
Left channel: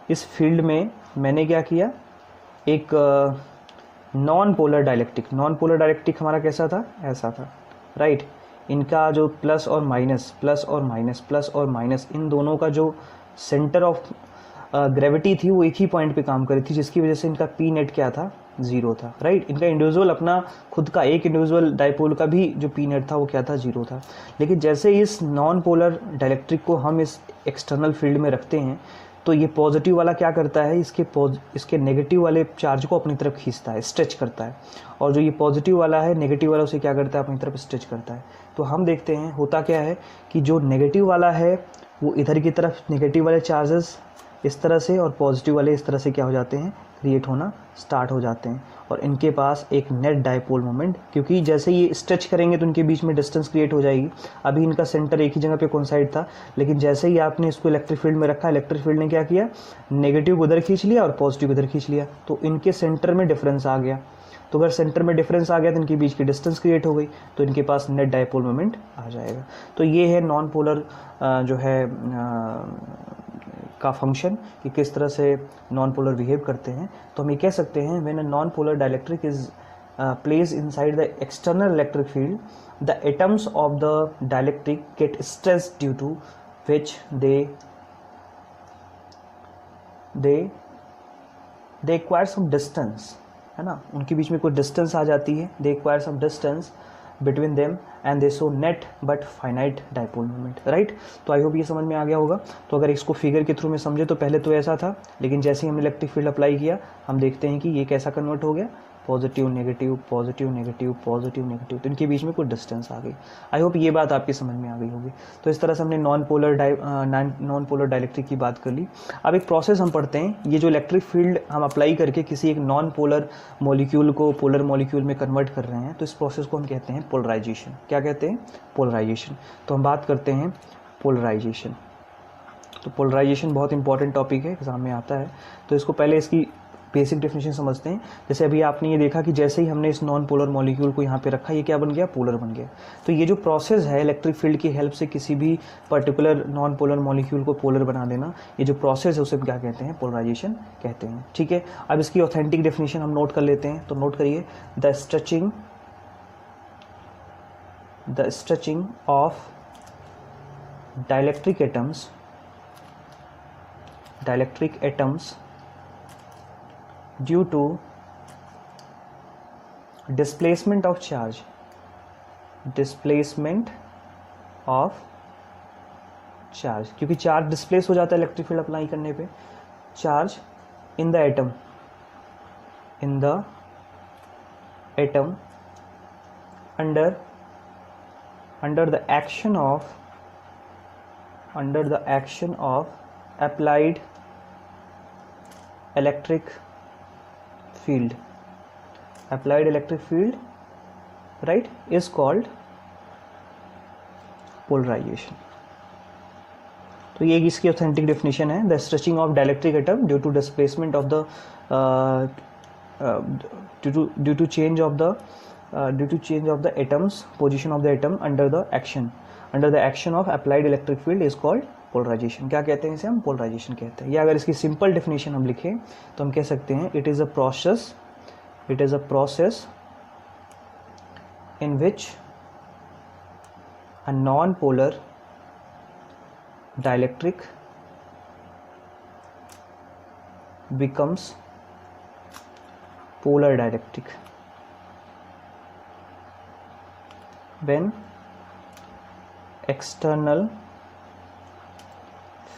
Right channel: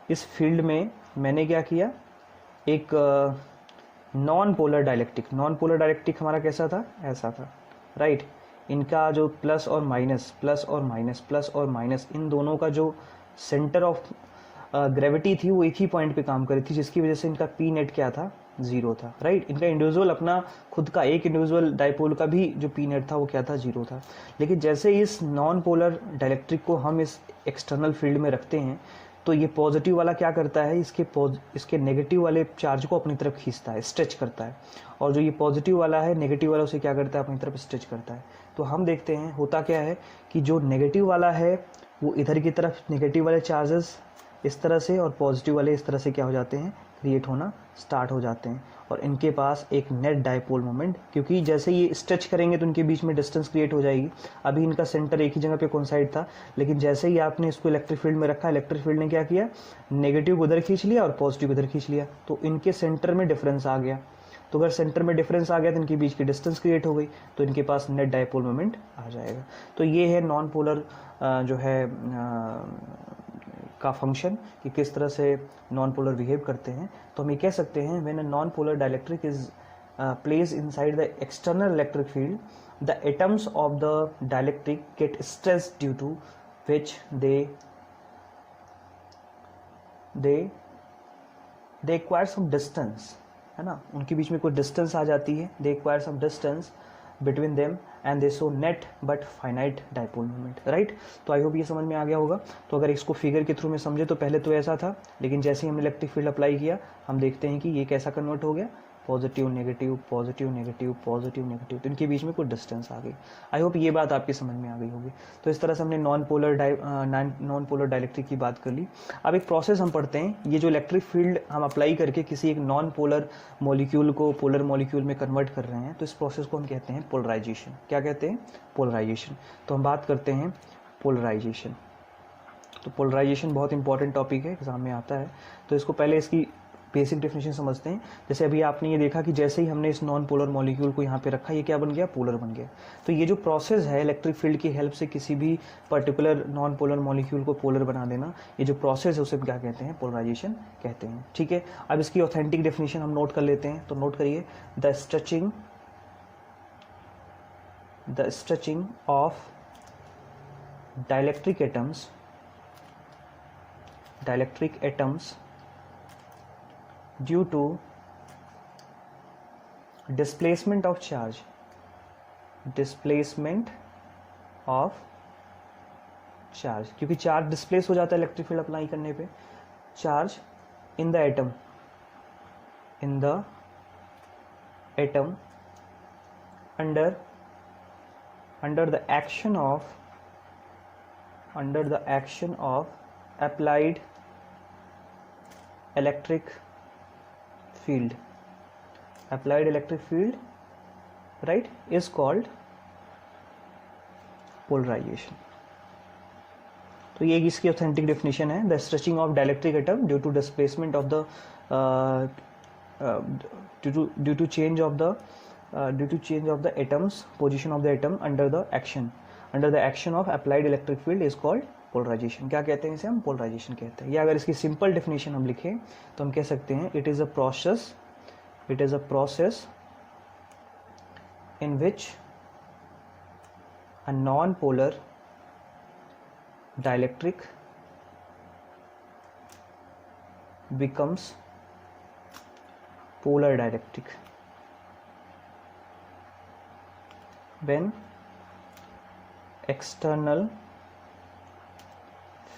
इस फील्ड में मैंने क्या किया, एक नॉन पोलर डाइलेक्ट्रिक हमारा कैसा था, ऐसा था, राइट। इनका जो प्लस और माइनस इन दोनों का जो सेंटर ऑफ ग्रेविटी थी वो एक ही पॉइंट पे काम करी थी, जिसकी वजह से इनका पी नेट क्या था, जीरो था, राइट। इनका इंडिविजुअल अपना खुद का एक इंडिविजुअल डाइपोल का भी जो पी नेट था वो क्या था, जीरो था। लेकिन जैसे इस नॉन पोलर डाइलेक्ट्रिक को हम इस एक्सटर्नल फील्ड में रखते हैं तो ये पॉजिटिव वाला क्या करता है, इसके नेगेटिव वाले चार्ज को अपनी तरफ खींचता है, स्ट्रेच करता है, और जो ये पॉजिटिव वाला है नेगेटिव वाला उसे क्या करता है, अपनी तरफ स्ट्रेच करता है। तो हम देखते हैं होता क्या है कि जो नेगेटिव वाला है वो इधर की तरफ नेगेटिव वाले चार्जेस इस तरह से और पॉजिटिव वाले इस तरह से क्या हो जाते हैं, क्रिएट होना स्टार्ट हो जाते हैं, और इनके पास एक नेट डाइपोल मोमेंट, क्योंकि जैसे ये स्ट्रेच करेंगे तो इनके बीच में डिस्टेंस क्रिएट हो जाएगी। अभी इनका सेंटर एक ही जगह पे कोइंसाइड था, लेकिन जैसे ही आपने इसको इलेक्ट्रिक फील्ड में रखा, इलेक्ट्रिक फील्ड ने क्या किया, नेगेटिव उधर खींच लिया और पॉजिटिव इधर खींच लिया, तो इनके सेंटर में डिफरेंस आ गया। तो अगर सेंटर में डिफरेंस आ गया तो इनके बीच की डिस्टेंस क्रिएट हो गई, तो इनके पास नेट डाइपोल मोमेंट आ जाएगा। तो ये है नॉन पोलर जो है का फंक्शन, कि किस तरह से नॉन पोलर बिहेव करते हैं। तो हम ये कह सकते हैं, when a non polar dielectric is place inside the external electric field, the atoms of the dielectric get stressed due to which they acquire some distance, है ना, उनके बीच में कोई डिस्टेंस आ जाती है, they acquire some distance between them and they show net but finite dipole moment, right. तो I hope ये समझ में आ गया होगा। तो अगर इसको फिगर के थ्रू में समझे तो पहले तो ऐसा था, लेकिन जैसे ही हमने इलेक्ट्रिक फील्ड अप्लाई किया हम देखते हैं कि ये कैसा कन्वर्ट हो गया, positive negative positive negative positive negative, तो इनके बीच में कुछ डिस्टेंस आ गई। आई होप ये बात आपकी समझ में आ गई होगी। तो इस तरह से हमने नॉन पोलर डाइलेक्ट्रिक की बात कर ली। अब एक प्रोसेस हम पढ़ते हैं, ये जो इलेक्ट्रिक फील्ड हम अप्लाई करके किसी एक नॉन पोलर मॉलिक्यूल को पोलर मॉलिक्यूल में कन्वर्ट कर रहे हैं, तो इस प्रोसेस को हम कहते हैं पोलराइजेशन। क्या कहते हैं, पोलराइजेशन। तो हम बात करते हैं पोलराइजेशन। तो पोलराइजेशन बहुत इंपॉर्टेंट टॉपिक है, एग्जाम में आता है, तो इसको पहले इसकी बेसिक डेफिनेशन समझते हैं। जैसे अभी आपने ये देखा कि जैसे ही हमने इस नॉन पोलर मॉलिक्यूल को यहाँ पे रखा, ये क्या बन गया, पोलर बन गया। तो ये जो प्रोसेस है इलेक्ट्रिक फील्ड की हेल्प से किसी भी पर्टिकुलर नॉन पोलर मॉलिक्यूल को पोलर बना देना, ये जो प्रोसेस है उसे क्या कहते हैं, पोलराइजेशन कहते हैं। ठीक है, अब इसकी ऑथेंटिक डेफिनेशन हम नोट कर लेते हैं। तो नोट करिए, the stretching of dielectric atoms due to displacement of charge क्योंकि चार्ज डिस्प्लेस हो जाता है इलेक्ट्रिक फील्ड अप्लाई करने पे। Charge in the atom under the action of applied electric field right is called polarization। तो ये इसकी ऑथेंटिक डेफिनेशन है, the stretching of dielectric atom due to displacement of the due to change of the atoms position of the atom under the action of applied electric field is called polarization। क्या कहते हैं इसे हम, polarisation कहते हैं। या अगर इसकी सिंपल डेफिनेशन हम लिखें तो हम कह सकते हैं it is a process in which a non-polar dielectric becomes polar dielectric when external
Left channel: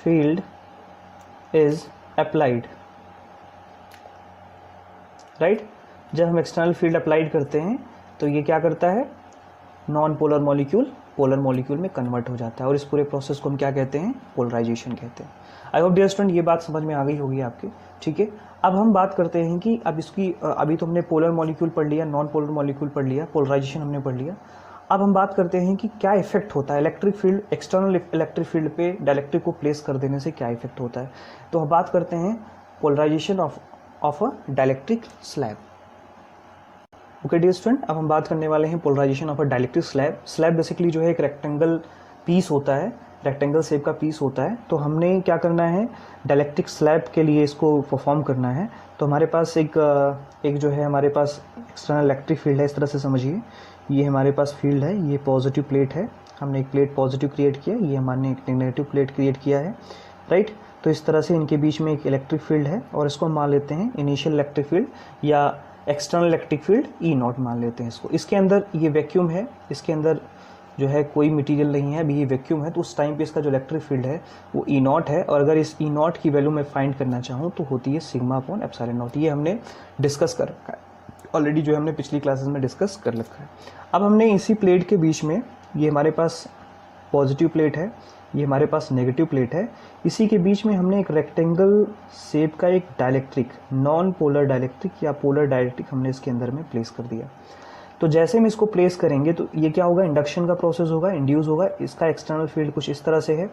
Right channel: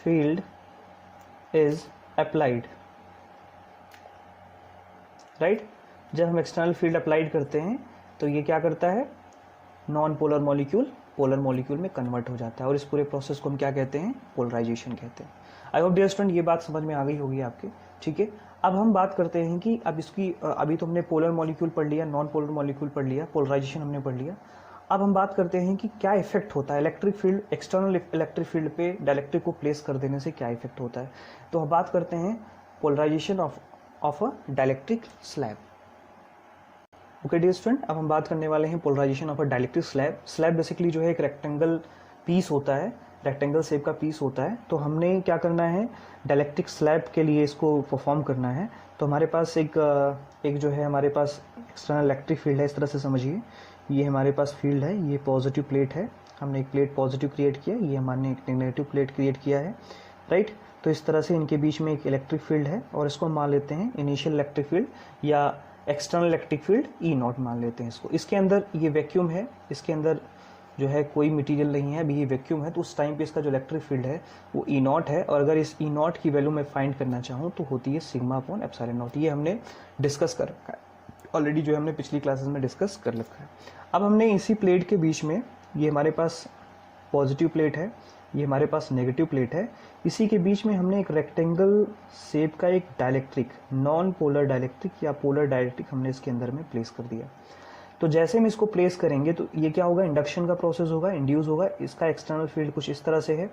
field is applied, right? जब हम एक्सटर्नल फील्ड अप्लाइड करते हैं तो ये क्या करता है, non polar molecule polar molecule में कन्वर्ट हो जाता है, और इस पूरे प्रोसेस को हम क्या कहते हैं, पोलराइजेशन कहते हैं। आई होप डियर स्टूडेंट ये बात समझ में आ गई होगी आपके। ठीक है, अब हम बात करते हैं कि अब इसकी अभी तो हमने पोलर मॉलिक्यूल पढ़ लिया, नॉन पोलर मॉलिक्यूल पढ़ लिया, पोलराइजेशन हमने पढ़ लिया। अब हम बात करते हैं कि क्या इफेक्ट होता है electric field, external electric field पे डाइलेक्ट्रिक को प्लेस कर देने से क्या इफेक्ट होता है। तो हम बात करते हैं polarization of a dielectric slab. Okay dear student, अब हम बात करने वाले हैं polarization of a dielectric slab. Slab basically जो है एक रेक्टेंगल पीस होता है, रेक्टेंगल शेप का पीस होता है। तो हमने क्या करना है, डाइलेक्ट्रिक स्लैब के लिए इसको परफॉर्म करना है। तो हमारे पास एक जो है हमारे पास एक्सटर्नल इलेक्ट्रिक फील्ड है, इस तरह से समझिए। ये हमारे पास फील्ड है, ये पॉजिटिव प्लेट है, हमने एक प्लेट पॉजिटिव क्रिएट किया, ये हमने एक नेगेटिव प्लेट क्रिएट किया है, राइट। तो इस तरह से इनके बीच में एक इलेक्ट्रिक फील्ड है, और इसको हम मान लेते हैं इनिशियल इलेक्ट्रिक फील्ड या एक्सटर्नल इलेक्ट्रिक फील्ड E0 मान लेते हैं इसको। इसके अंदर ये वैक्यूम है, इसके अंदर जो है कोई मटेरियल नहीं है, अभी ये वैक्यूम है। तो उस टाइम पे इसका जो इलेक्ट्रिक फील्ड है वो E0 है, और अगर इस E0 की वैल्यू मैं फाइंड करना चाहूँ तो होती है सिग्मा अपॉन एप्सिलॉन नॉट। ये हमने डिस्कस कर रखा है ऑलरेडी, जो हमने पिछली क्लासेस में डिस्कस कर रखा है। अब हमने इसी प्लेट के बीच में, ये हमारे पास पॉजिटिव प्लेट है, ये हमारे पास नेगेटिव प्लेट है, इसी के बीच में हमने एक रेक्टेंगल शेप का एक डाइलेक्ट्रिक, नॉन पोलर डाइलेक्ट्रिक या पोलर डाइलेक्ट्रिक हमने इसके अंदर में प्लेस कर दिया। तो जैसे हम इसको प्लेस करेंगे तो ये क्या होगा, इंडक्शन का प्रोसेस होगा, इंड्यूस होगा। इसका एक्सटर्नल फील्ड कुछ इस तरह से है,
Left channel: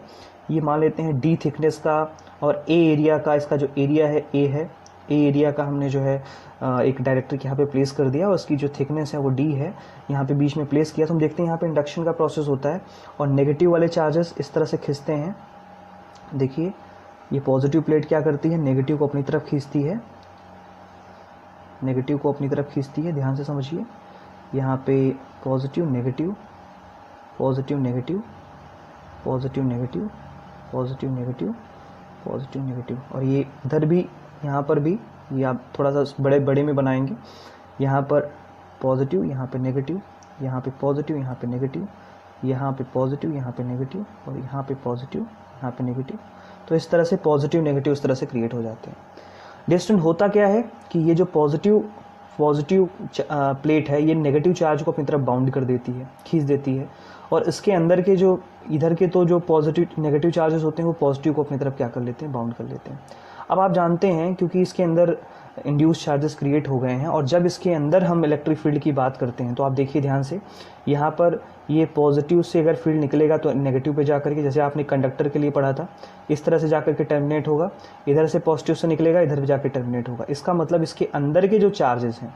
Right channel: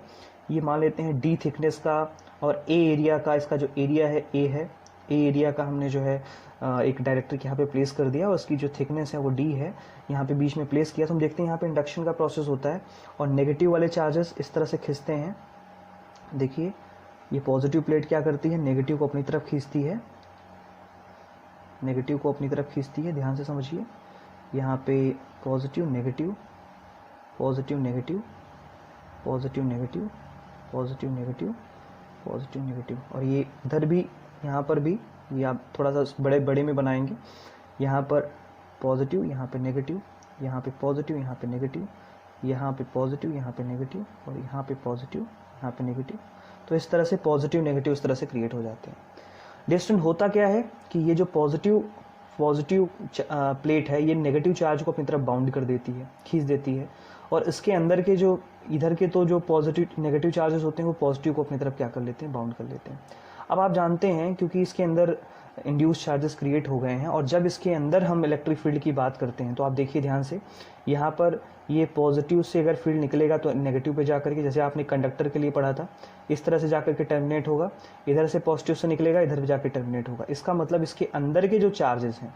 ये मान लेते हैं D थिकनेस का, और A एरिया का, इसका जो एरिया है A है, A एरिया का हमने जो है एक डाइलेक्ट्रिक यहाँ पे प्लेस कर दिया, और उसकी जो थिकनेस है वो D है, यहाँ पे बीच में प्लेस किया। तो हम देखते हैं यहाँ पे इंडक्शन का प्रोसेस होता है, और नेगेटिव वाले चार्जेस इस तरह से खींचते हैं। देखिए ये पॉजिटिव प्लेट क्या करती है, नेगेटिव को अपनी तरफ खींचती है, नेगेटिव को अपनी तरफ खींचती है, ध्यान से समझिए। यहाँ पे positive negative, positive negative, positive negative, positive negative, positive negative, और ये इधर भी, यहाँ पर भी, ये आप थोड़ा सा बड़े में बनाएंगे। यहाँ पर पॉजिटिव, यहाँ पे नेगेटिव, यहाँ पे पॉजिटिव, यहाँ पे नेगेटिव, यहाँ पे पॉजिटिव, यहाँ पे नेगेटिव, और यहाँ पे पॉजिटिव, यहाँ पे नेगेटिव। तो इस तरह से पॉजिटिव नेगेटिव इस तरह से क्रिएट हो जाते हैं। डिस्टेंट होता क्या है कि ये जो पॉजिटिव प्लेट है, ये नेगेटिव चार्ज को अपनी तरफ बाउंड कर देती है, खींच देती है, और इसके अंदर के जो इधर के तो जो पॉजिटिव नेगेटिव चार्जेस होते हैं वो पॉजिटिव को अपनी तरफ क्या कर लेते हैं, बाउंड कर लेते हैं। अब आप जानते हैं क्योंकि इसके अंदर इंड्यूस चार्जेस क्रिएट हो गए हैं। और जब इसके अंदर हम इलेक्ट्रिक फील्ड की बात करते हैं तो आप देखिए ध्यान से, यहाँ पर ये पॉजिटिव से अगर फील्ड निकलेगा तो नेगेटिव पे जाकर के, जैसे आपने कंडक्टर के लिए पढ़ा था, इस तरह से जाकर के टर्मिनेट होगा, इधर से पॉजिटिव से निकलेगा, इधर जाकर टर्मिनेट होगा। इसका मतलब इसके अंदर के जो चार्जेस हैं,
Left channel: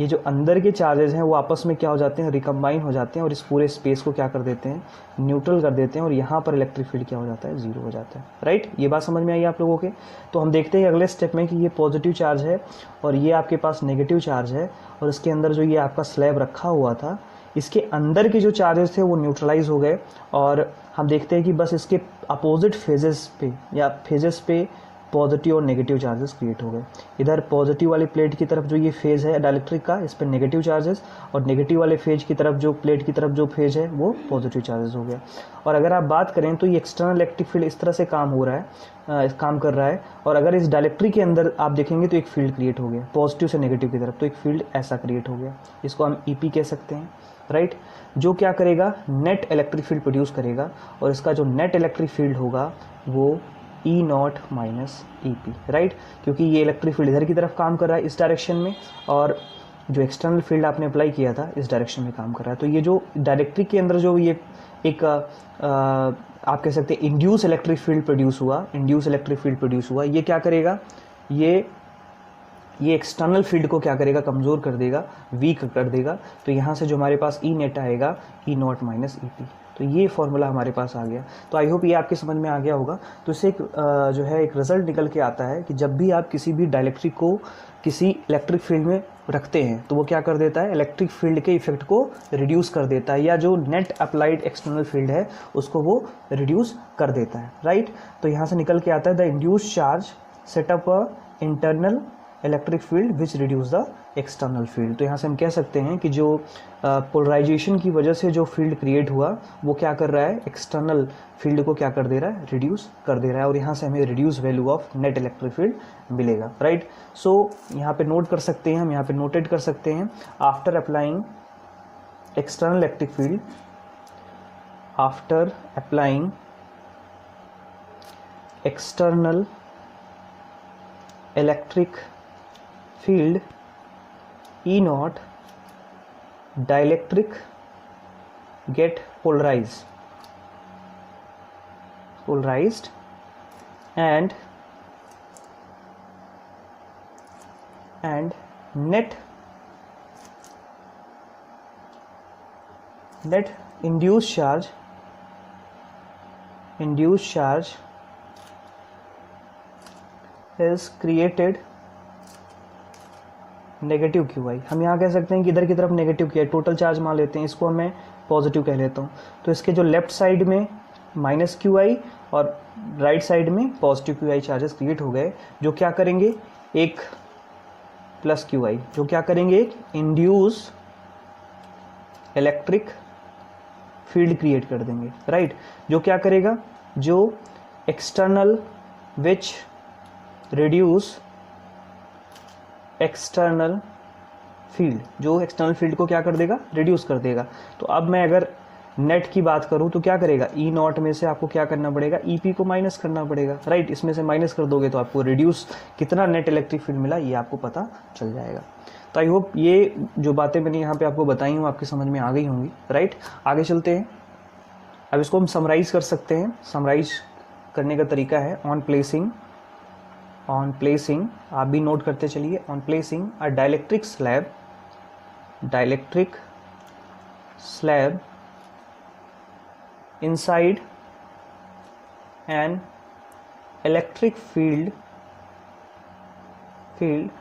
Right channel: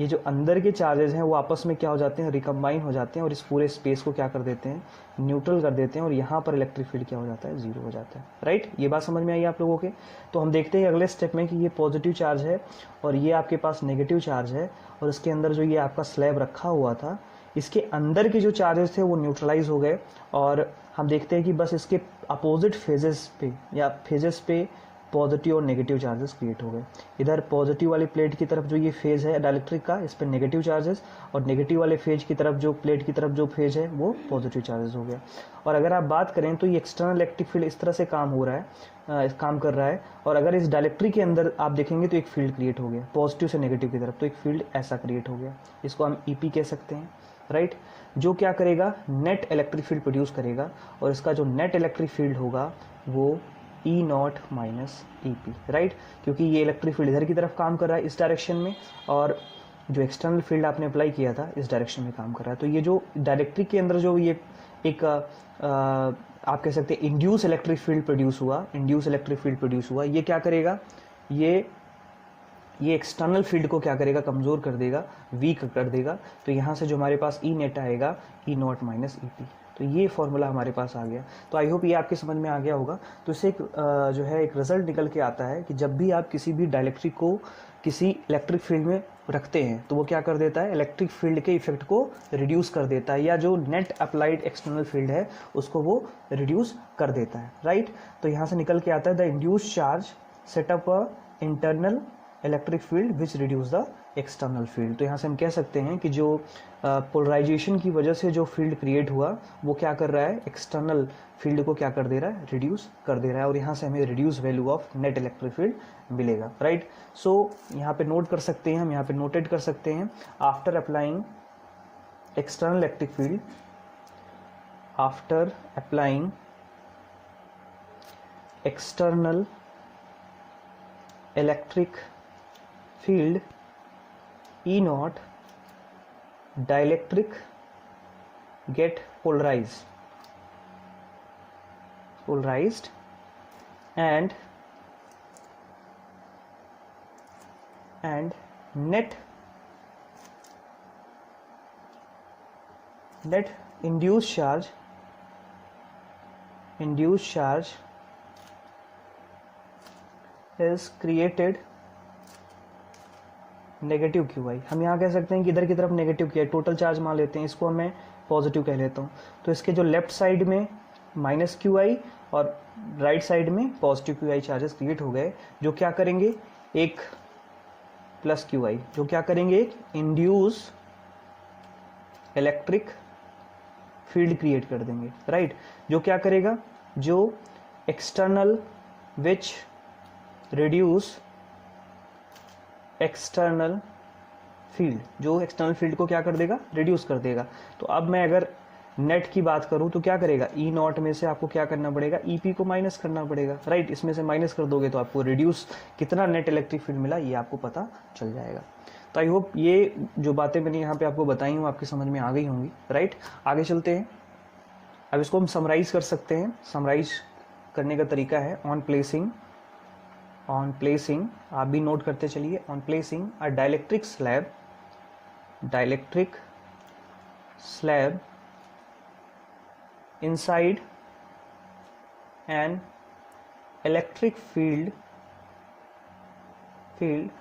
ये जो अंदर के चार्जेस हैं वो आपस में क्या हो जाते हैं, रिकम्बाइन हो जाते हैं और इस पूरे स्पेस को क्या कर देते हैं, न्यूट्रल कर देते हैं, और यहाँ पर इलेक्ट्रिक फील्ड क्या हो जाता है, जीरो हो जाता है। राइट, ये बात समझ में आई आप लोगों के। तो हम देखते हैं अगले स्टेप में कि ये पॉजिटिव चार्ज है और ये आपके पास नेगेटिव चार्ज है, और इसके अंदर जो ये आपका स्लैब रखा हुआ था, इसके अंदर के जो चार्जेस थे वो न्यूट्रलाइज हो गए, और हम देखते हैं कि बस इसके अपोजिट फेजेस पे या फेजेस पे पॉजिटिव और नेगेटिव चार्जेस क्रिएट हो गए। इधर पॉजिटिव वाली प्लेट की तरफ जो ये फेज है डाइलेक्ट्रिक का, इस पर नेगेटिव चार्जेस, और नेगेटिव वाले फेज की तरफ जो प्लेट की तरफ जो फेज है वो पॉजिटिव चार्जेस हो गए। और अगर आप बात करें तो ये एक्सटर्नल इलेक्ट्रिक फील्ड इस तरह से काम हो रहा है, काम कर रहा है, और अगर इस डाइलेक्ट्रिक के अंदर आप देखेंगे तो एक फील्ड क्रिएट हो गया पॉजिटिव से नेगेटिव की तरफ, तो एक फील्ड ऐसा क्रिएट हो गया, इसको हम ईपी कह सकते हैं। राइट, जो क्या करेगा, नेट इलेक्ट्रिक फील्ड प्रोड्यूस करेगा, और इसका जो नेट इलेक्ट्रिक फील्ड होगा वो E naught minus E P. Right, क्योंकि ये इलेक्ट्रिक फील्ड इधर की तरफ काम कर रहा है इस डायरेक्शन में, और जो एक्सटर्नल फील्ड आपने अप्लाई किया था इस डायरेक्शन में काम कर रहा है। तो ये जो डायरेक्ट्रिक के अंदर जो ये एक आप कह सकते हैं इंड्यूस इलेक्ट्रिक फील्ड प्रोड्यूस हुआ, इंड्यूस इलेक्ट्रिक फील्ड प्रोड्यूस हुआ, ये क्या करेगा, ये एक्सटर्नल फील्ड को क्या करेगा, कमज़ोर कर देगा, वीक कर देगा। तो यहाँ से जो हमारे पास ई नेट आएगा, ई नॉट माइनस ई पी। तो ये फॉर्मूला हमारे पास आ गया। तो आई होप ये आपके समझ में आ गया होगा। तो इससे एक जो है एक रिजल्ट निकल के आता है कि जब भी आप किसी भी डाइलेक्ट्रिक को किसी इलेक्ट्रिक फील्ड में रखते हैं तो वो क्या कर देता है, इलेक्ट्रिक फील्ड के इफेक्ट को रिड्यूस कर देता है, या जो नेट अप्लाइड एक्सटर्नल फील्ड है उसको वो रिड्यूस कर देता है। राइट, तो यहाँ से निकल के आता है the induce charge set up a internal electric field which reduce the external field. तो यहाँ से हम कह सकते हैं कि जो पोलराइजेशन की वजह से जो फील्ड क्रिएट हुआ वो क्या कर रहा है, एक्सटर्नल फील्ड को क्या कर दे रहा है, रिड्यूस कर दे रहा है, और यहाँ से हमें reduce value of net electric field मिलेगा। राइट, सो यहाँ पे नोट कर सकते हैं, हम यहाँ पे नोटेड कर सकते हैं, after applying external electric field, after applying external electric field E naught dielectric get polarized and net induced charge is created negative Q I. हम यहाँ कह सकते हैं कि इधर की तरफ negative Q I, total charge मान लेते हैं, इसको मैं पॉजिटिव कह लेता हूँ। तो इसके जो लेफ्ट साइड में माइनस क्यू आई और राइट साइड में positive Q I charges create हो गए, जो क्या करेंगे, एक प्लस क्यू आई, जो क्या करेंगे, इंड्यूस इलेक्ट्रिक फील्ड क्रिएट कर देंगे। राइट, जो क्या करेगा, जो external which reduce external field, जो एक्सटर्नल फील्ड को क्या कर देगा, रिड्यूस कर देगा। तो अब मैं अगर नेट की बात करूं तो क्या करेगा, ई नॉट में से आपको क्या करना पड़ेगा, ई पी को माइनस करना पड़ेगा। राइट, इसमें से माइनस कर दोगे तो आपको रिड्यूस कितना नेट इलेक्ट्रिक फील्ड मिला ये आपको पता चल जाएगा। तो आई होप ये जो बातें मैंने यहाँ पे आपको बताई हूँ आपकी समझ में आ गई होंगी। राइट, आगे चलते हैं। अब इसको हम समराइज कर सकते हैं। समराइज करने का तरीका है ऑन प्लेसिंग, आप भी नोट करते चलिए, on placing a dielectric slab inside an electric field,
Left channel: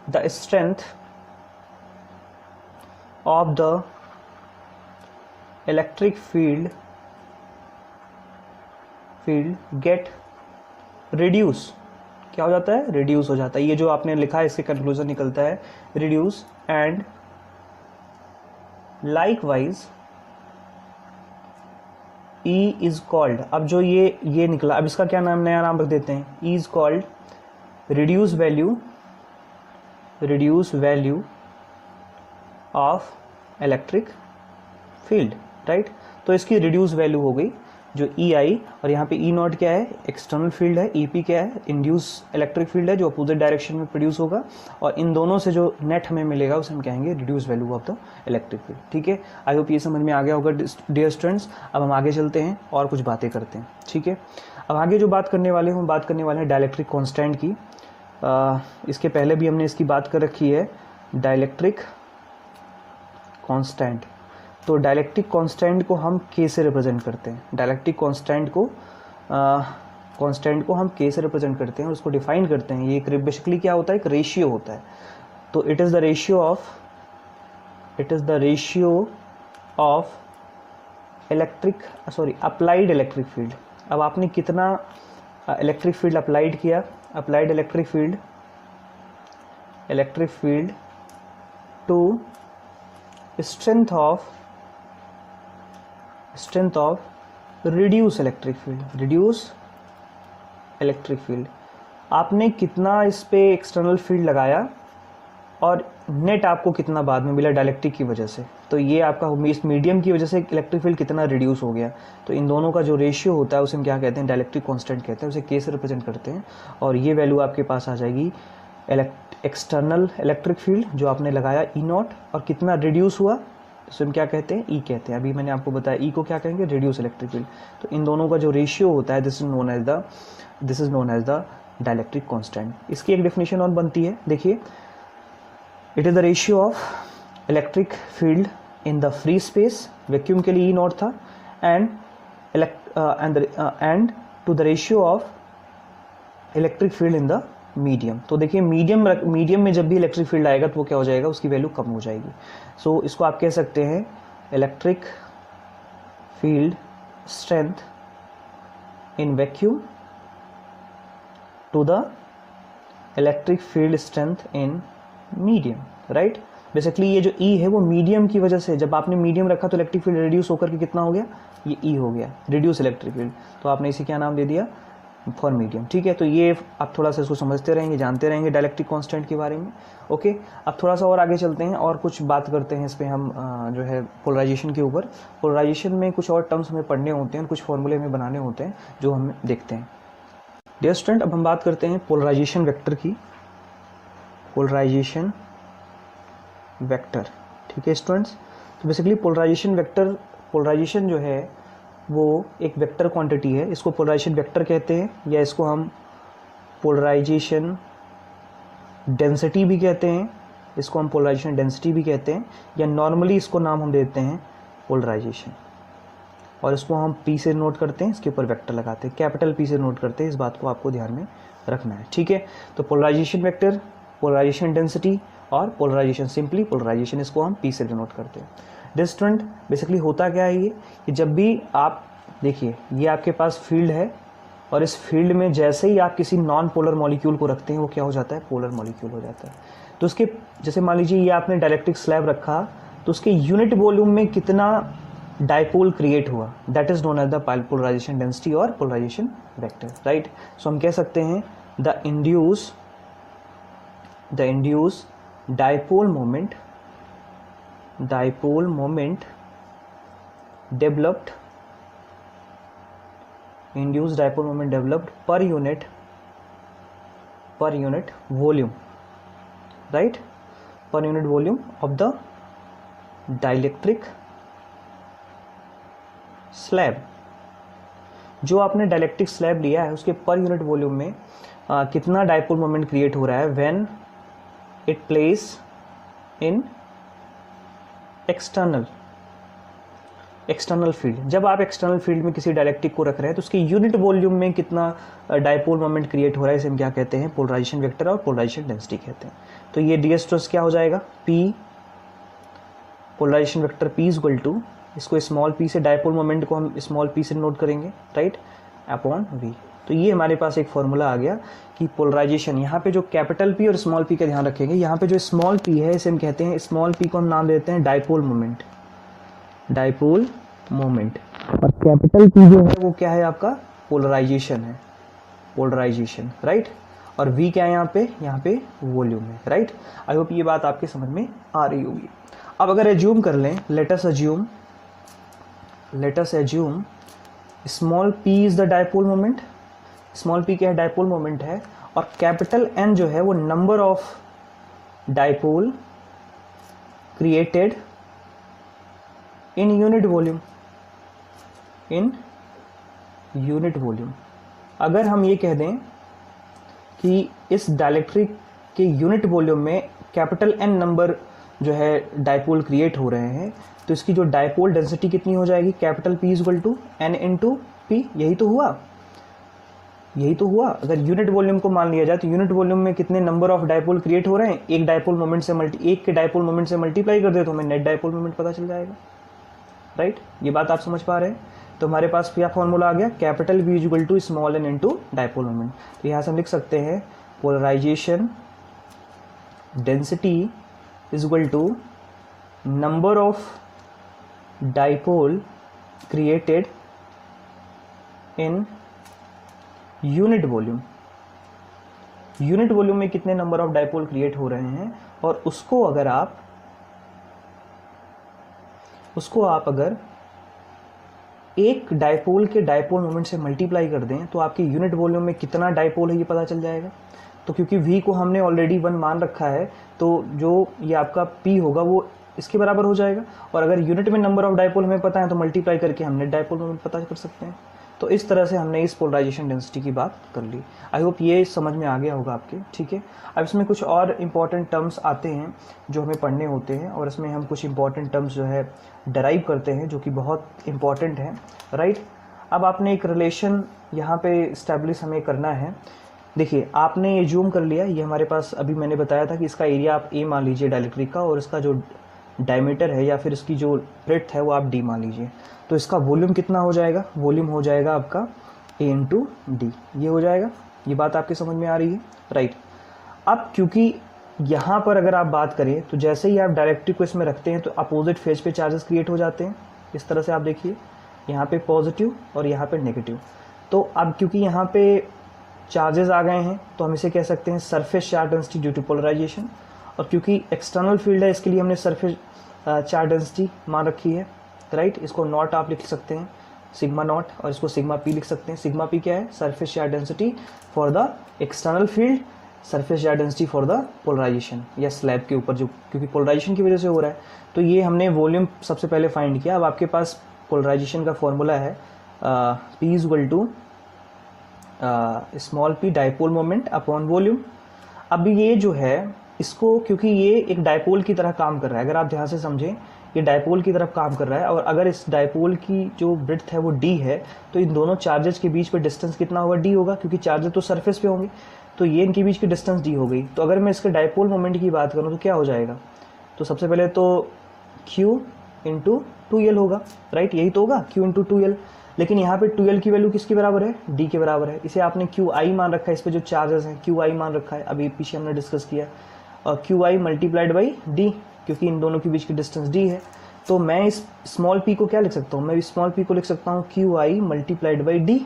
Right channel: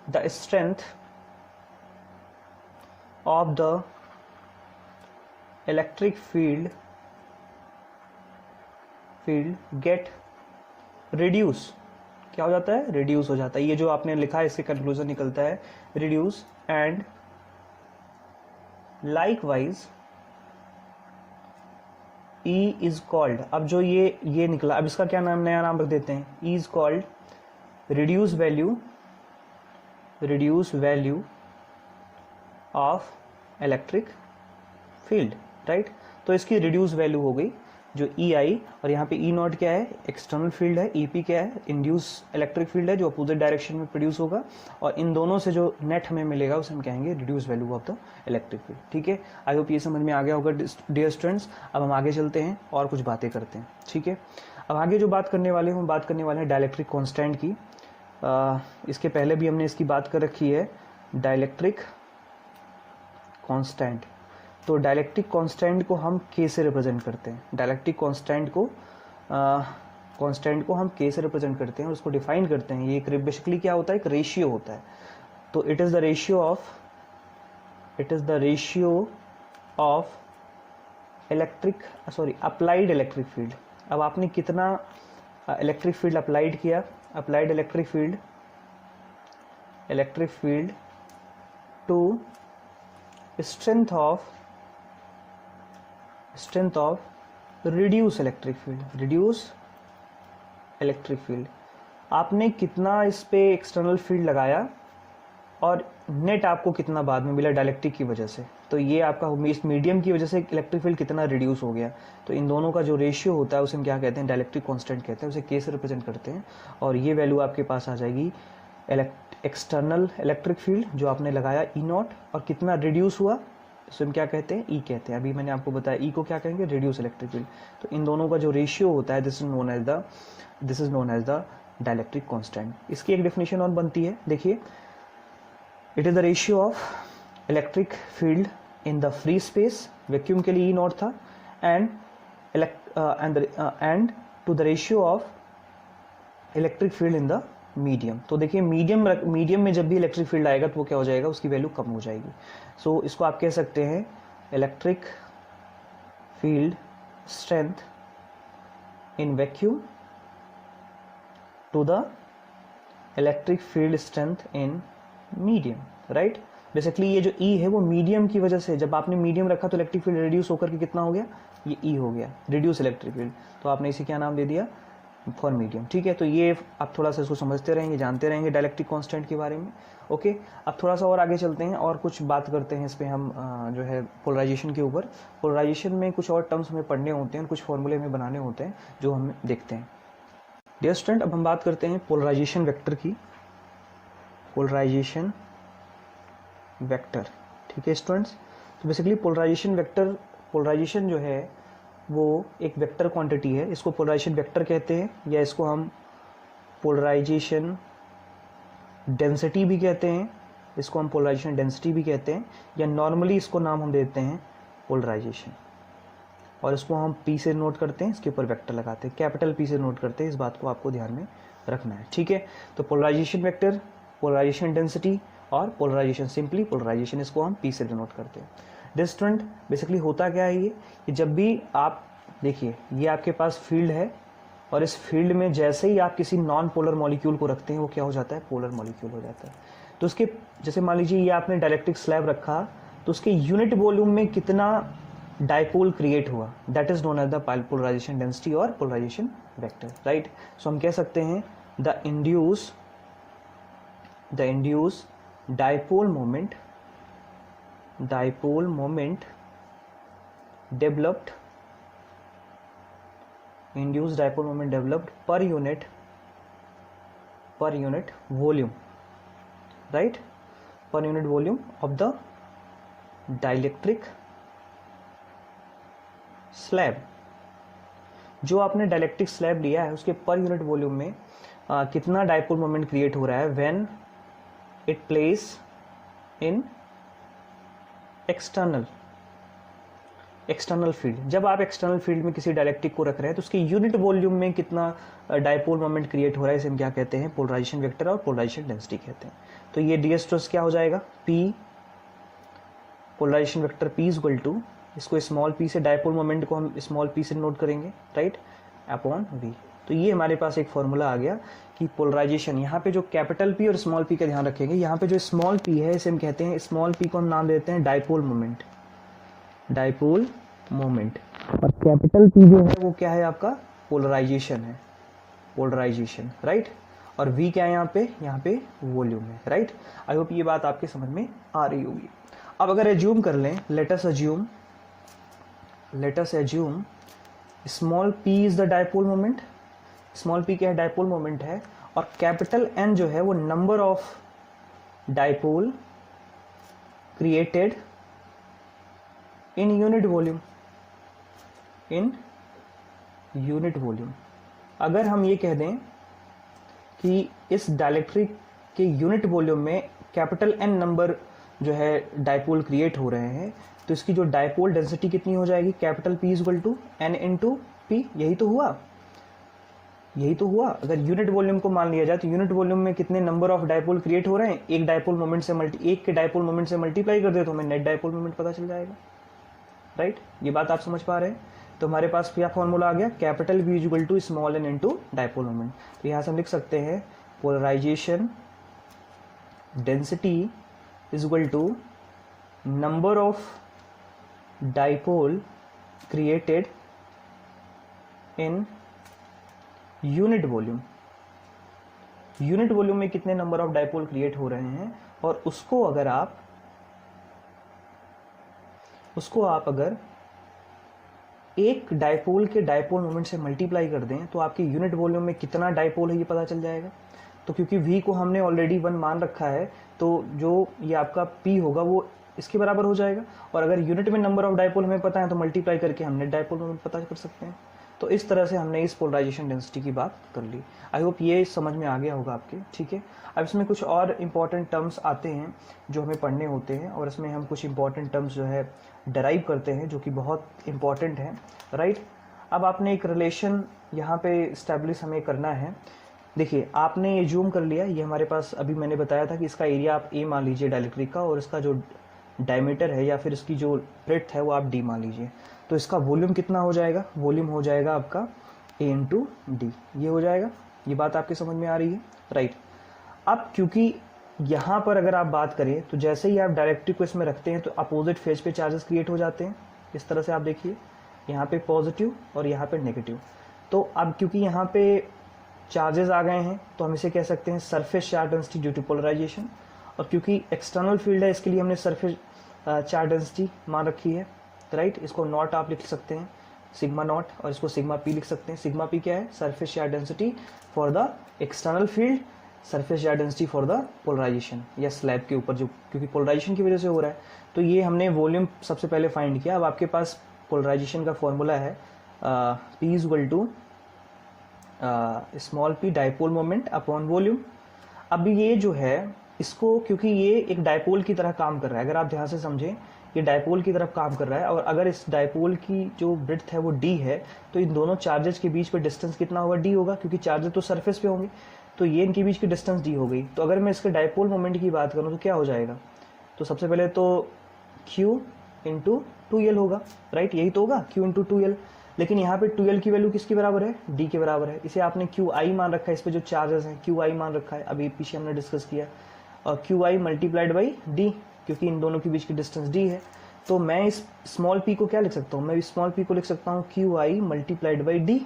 the strength of the electric field get reduce, क्या हो जाता है, रिड्यूस हो जाता है। ये जो आपने लिखा है इससे कंक्लूजन निकलता है reduce, and likewise E is called, अब जो ये निकला, अब इसका क्या नाम, नया नाम रख देते हैं, E is called reduce value of electric field. Right, तो इसकी रिड्यूस वैल्यू हो गई जो ई आई, और यहाँ पे ई नॉट क्या है, एक्सटर्नल फील्ड है, ई पी क्या है, इंड्यूस इलेक्ट्रिक फील्ड है जो अपोजिट डायरेक्शन में प्रोड्यूस होगा, और इन दोनों से जो नेट हमें मिलेगा उसे हम कहेंगे reduce value of the electric field. ठीक है, आई होप ये समझ में आ गया होगा डियर स्टूडेंट्स। अब हम आगे चलते हैं और कुछ बातें करते हैं। ठीक है, अब आगे जो बात करने वाले हैं हम बात करने वाले हैं डाइलेक्ट्रिक कॉन्स्टेंट की। इसके पहले भी हमने इसकी बात कर रखी है, डाइलेक्ट्रिक कांस्टेंट। तो डाइलेक्ट्रिक कांस्टेंट को हम के से रिप्रेजेंट करते हैं, डाइलेक्ट्रिक कांस्टेंट को हम के से रिप्रेजेंट करते हैं और उसको डिफाइन करते हैं। ये एक बेसिकली क्या होता है, एक रेशियो होता है। तो it is the ratio of applied electric field. अब आपने कितना इलेक्ट्रिक फील्ड अप्लाइड किया, applied electric field to strength of reduce electric field, आपने कितना इस पे एक्सटर्नल फील्ड लगाया और नेट आपको कितना बाद में मिला डाइलेक्ट्रिक की वजह से। तो ये आपका इस मीडियम की वजह से इलेक्ट्रिक फील्ड कितना रिड्यूस हो गया। तो इन दोनों का जो रेशियो होता है उसे हम क्या कहते हैं, डाइलेक्ट्रिक कांस्टेंट कहते हैं, उसे के से रिप्रेजेंट करते हैं। और ये वैल्यू आपके पास आ जाएगी एक्सटर्नल इलेक्ट्रिक फील्ड जो आपने लगाया ई नॉट, और कितना रिड्यूस हुआ तो हम क्या कहते हैं, ई कहते हैं। अभी मैंने आपको बताया ई को क्या कहेंगे, रिड्यूस इलेक्ट्रिक फील्ड। तो इन दोनों का जो रेशियो होता है this is known as the dielectric constant. इसकी एक डेफिनेशन और बनती है, देखिए, it is the ratio of electric field in the free space, vacuum के लिए ई नॉट था, and to the ratio of electric field in the medium. तो देखिए मीडियम में जब भी इलेक्ट्रिक फील्ड आएगा तो वो क्या हो जाएगा, उसकी वैल्यू कम हो जाएगी। सो इसको आप कह सकते हैं electric field strength in vacuum to the electric field strength in medium, right. Basically ये जो ई है वो मीडियम की वजह से, जब आपने मीडियम रखा तो इलेक्ट्रिक फील्ड रिड्यूस होकर के कितना हो गया, ये ई हो गया, रिड्यूस इलेक्ट्रिक फील्ड। तो आपने इसे क्या नाम दे दिया, फॉर मीडियम। ठीक है, तो ये आप थोड़ा सा इसको समझते रहेंगे, जानते रहेंगे डाइलेक्ट्रिक कांस्टेंट के बारे में। ओके, अब थोड़ा सा और आगे चलते हैं और कुछ बात करते हैं इस पर हम जो है पोलराइजेशन के ऊपर। पोलराइजेशन में कुछ और टर्म्स हमें पढ़ने होते हैं, कुछ फॉर्मूले हमें बनाने होते हैं जो हम देखते हैं। डियर स्टूडेंट, अब हम बात करते हैं पोलराइजेशन वेक्टर की, पोलराइजेशन वेक्टर। ठीक है स्टूडेंट्स, तो बेसिकली पोलराइजेशन जो है वो एक वेक्टर क्वांटिटी है, इसको पोलराइजेशन वेक्टर कहते हैं, या इसको हम पोलराइजेशन डेंसिटी भी कहते हैं, इसको हम पोलराइजेशन डेंसिटी भी कहते हैं, या नॉर्मली इसको नाम हम देते हैं पोलराइजेशन। और इसको हम पी से नोट करते हैं, इसके ऊपर वेक्टर लगाते हैं, कैपिटल पी से नोट करते हैं। इस बात को आपको ध्यान में रखना है। ठीक है, तो पोलराइजेशन वेक्टर, पोलराइजेशन डेंसिटी और पोलराइजेशन, सिंपली पोलराइजेशन, इसको हम पी से डिनोट करते हैं। डिस्टेंट बेसिकली होता क्या है ये, कि जब भी आप देखिए ये आपके पास फील्ड है और इस फील्ड में जैसे ही आप किसी नॉन पोलर मॉलिक्यूल को रखते हैं वो क्या हो जाता है, पोलर मॉलिक्यूल हो जाता है। तो उसके जैसे मान लीजिए ये आपने डाइलेक्ट्रिक स्लैब रखा तो उसके यूनिट वॉल्यूम में कितना डाइपोल क्रिएट हुआ, that is known as the polarization density और पोलराइजेशन वेक्टर, राइट। सो हम कह सकते हैं the induce dipole moment developed induced dipole moment developed per unit volume, right, per unit volume of the dielectric slab। जो आपने dielectric slab लिया है उसके पर यूनिट वॉल्यूम में कितना डाइपोल मोमेंट क्रिएट हो रहा है when it place in external field. जब आप एक्सटर्नल फील्ड में किसी डाइलेक्ट्रिक को रख रहे हैं तो उसके यूनिट वॉल्यूम में कितना डाइपोल मोमेंट क्रिएट हो रहा है, इसे हम क्या कहते हैं, पोलराइजेशन वेक्टर और पोलराइजेशन डेंसिटी कहते हैं। तो ये डी स्ट्रेस क्या हो जाएगा, P polarization vector P equal to, इसको स्मॉल पी से, डाइपोल मोमेंट को हम स्मॉल पी से नोट करेंगे, राइट, अपॉन वी। तो ये हमारे पास एक फॉर्मूला आ गया कि पोलराइजेशन, यहाँ पे जो कैपिटल पी और स्मॉल पी का ध्यान रखेंगे, यहाँ पे जो स्मॉल पी है इसे हम कहते हैं, स्मॉल पी को हम नाम देते हैं डाइपोल मोमेंट, और कैपिटल पी जो है वो क्या है आपका, पोलराइजेशन है, पोलराइजेशन, राइट। और वी क्या है यहाँ पे वॉल्यूम है, राइट। आई होप ये बात आपके समझ में आ रही होगी। अब अगर एज्यूम कर लें, let us assume small p is the dipole moment, small p क्या है, डायपोल मोमेंट है, और कैपिटल N जो है वो number of dipole created in unit volume, in unit volume. अगर हम ये कह दें कि इस डाइलेक्ट्रिक के यूनिट वॉल्यूम में कैपिटल N नंबर जो है डायपोल क्रिएट हो रहे हैं, तो इसकी जो डायपोल डेंसिटी कितनी हो जाएगी, capital P equal to N into P। यही तो हुआ, यही तो हुआ। अगर यूनिट वॉल्यूम को मान लिया जाए तो यूनिट वॉल्यूम में कितने नंबर ऑफ डायपोल क्रिएट हो रहे हैं, एक डायपोल मोमेंट से एक के डायपोल मोमेंट से मल्टीप्लाई कर दे तो हमें नेट डायपोल मोमेंट पता चल जाएगा, राइट। ये बात आप समझ पा रहे हैं। तो हमारे पास क्या फॉर्मूला आ गया, capital V equal to small n into dipole moment. तो यहाँ से हम लिख सकते हैं polarization density is equal to number of dipole created in unit volume. Unit volume में कितने नंबर ऑफ डायपोल क्रिएट हो रहे हैं, और उसको अगर एक डायपोल के डायपोल मोमेंट से मल्टीप्लाई कर दें तो आपके यूनिट वॉल्यूम में कितना डायपोल है ये पता चल जाएगा। तो क्योंकि V को हमने ऑलरेडी 1 मान रखा है, तो जो ये आपका P होगा वो इसके बराबर हो जाएगा, और अगर यूनिट में नंबर ऑफ डायपोल हमें पता है तो मल्टीप्लाई करके हम नेट डायपोल मोमेंट पता कर सकते हैं। तो इस तरह से हमने इस पोलराइजेशन डेंसिटी की बात कर ली। आई होप ये समझ में आ गया होगा आपके, ठीक है। अब इसमें कुछ और इम्पॉर्टेंट टर्म्स आते हैं जो हमें पढ़ने होते हैं, और इसमें हम कुछ इम्पॉर्टेंट टर्म्स जो है डराइव करते हैं जो कि बहुत इम्पॉर्टेंट है, राइट। अब आपने एक रिलेशन यहाँ पे इस्टेब्लिश हमें करना है। देखिए आपने ये जूम कर लिया, ये हमारे पास अभी मैंने बताया था कि इसका एरिया आप A मान लीजिए डाइलेक्ट्रिक का, और इसका जो डायमीटर है या फिर इसकी जो ब्रेड्थ है वो आप D मान लीजिए। तो इसका वॉल्यूम कितना हो जाएगा, वॉल्यूम हो जाएगा आपका A इंटू डी, ये हो जाएगा। ये बात आपके समझ में आ रही है, राइट। अब क्योंकि यहाँ पर अगर आप बात करें तो जैसे ही आप डायरेक्ट्रिक को इसमें रखते हैं तो अपोजिट फेज पे चार्जेस क्रिएट हो जाते हैं। इस तरह से आप देखिए, यहाँ पे पॉजिटिव और यहाँ पे नेगेटिव। तो अब क्योंकि यहाँ पे चार्जेस आ गए हैं तो हम इसे कह सकते हैं surface charge density due to polarization, और क्योंकि एक्सटर्नल फील्ड है इसके लिए हमने सरफेस चार्ज डेंसिटी मान रखी है, राइट। इसको नॉट आप लिख सकते हैं सिग्मा नॉट, और इसको सिग्मा पी लिख सकते हैं। सिग्मा पी क्या है, surface charge density for the external field, surface charge density for the polarization या स्लैब के ऊपर जो क्योंकि पोलराइजेशन की वजह से हो रहा है। तो ये हमने वॉल्यूम सबसे पहले फाइंड किया। अब आपके पास पोलराइजेशन का फॉर्मूला है P is equal to small p dipole moment upon volume. अब ये जो है इसको, क्योंकि ये एक डायपोल की तरह काम कर रहा है, अगर आप ध्यान से समझें ये डायपोल की तरफ काम कर रहा है, और अगर इस डायपोल की जो ब्रेड्थ है वो d है, तो इन दोनों चार्जेस के बीच में डिस्टेंस कितना होगा, d होगा, क्योंकि चार्जेस तो सरफेस पे होंगे, तो ये इनके बीच की डिस्टेंस d हो गई। तो अगर मैं इसके डायपोल मोमेंट की बात करूँ तो क्या हो जाएगा, तो सबसे पहले तो q इंटू 2l होगा, राइट। यही तो होगा q इंटू 2l, लेकिन यहाँ पे 2l की वैल्यू किसके बराबर है, d के बराबर है। इसे आपने qi मान रखा है, इस पे जो चार्जेस है qi मान रखा है, अभी पीछे हमने डिस्कस किया, और qi मल्टीप्लाइड बाई d, क्योंकि इन दोनों के बीच की डिस्टेंस d है। तो मैं इस स्मॉल p को क्या लिख सकता हूँ, मैं इस स्मॉल p को लिख सकता हूँ qi multiplied by d,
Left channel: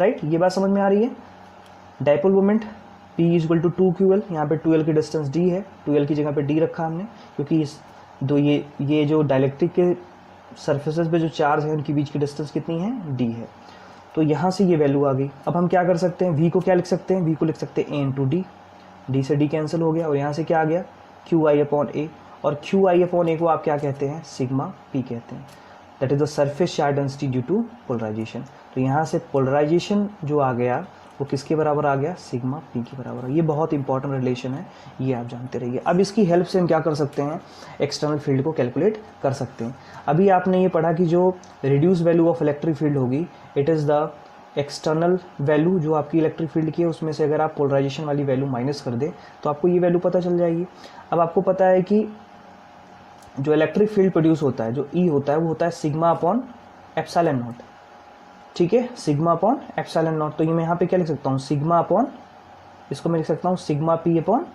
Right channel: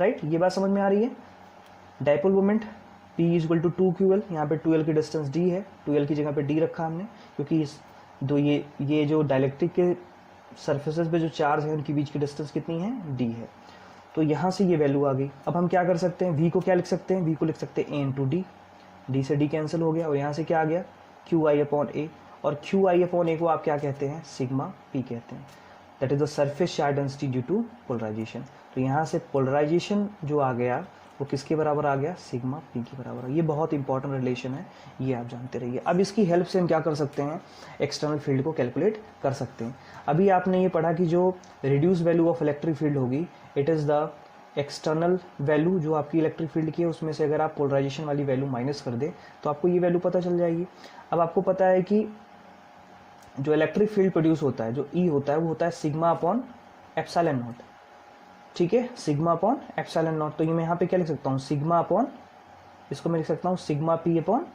right. ये बात समझ में आ रही है। Dipole moment p is equal to 2ql, यहाँ पे 2l की डिस्टेंस d है, 2l की जगह पे d रखा हमने, क्योंकि इस दो ये जो डायलेक्ट्रिक के सरफेसेस पे जो चार्ज है उनके बीच की डिस्टेंस कितनी है, d है। तो यहाँ से ये वैल्यू आ गई। अब हम क्या कर सकते हैं, v को क्या लिख सकते हैं, v को लिख सकते हैं a इंटू डी, डी से d कैंसिल हो गया, और यहाँ से क्या आ गया qi अपॉन a, और qi अपॉन a को आप क्या कहते हैं, सिग्मा p कहते हैं, that is the surface charge density due to polarization. तो यहाँ से पोलराइजेशन जो आ गया वो किसके बराबर आ गया, सिग्मा p के बराबर। ये बहुत इंपॉर्टेंट रिलेशन है, ये आप जानते रहिए। अब इसकी हेल्प से हम क्या कर सकते हैं, एक्सटर्नल फील्ड को कैलकुलेट कर सकते हैं। अभी आपने ये पढ़ा कि जो reduce value of electric field होगी, it is the external value जो आपकी इलेक्ट्रिक फील्ड की है, उसमें से अगर आप पोलराइजेशन वाली वैल्यू माइनस कर दें तो आपको ये वैल्यू पता चल जाएगी। अब आपको पता है कि जो इलेक्ट्रिक फील्ड प्रोड्यूस होता है, जो ई होता है, वो होता है सिग्मा अपॉन एप्सिलॉन नॉट, ठीक है, सिग्मा अपॉन एप्सिलॉन नॉट। तो ये मैं यहाँ पे क्या लिख सकता हूँ, सिग्मा अपॉन, इसको मैं लिख सकता हूँ sigma P upon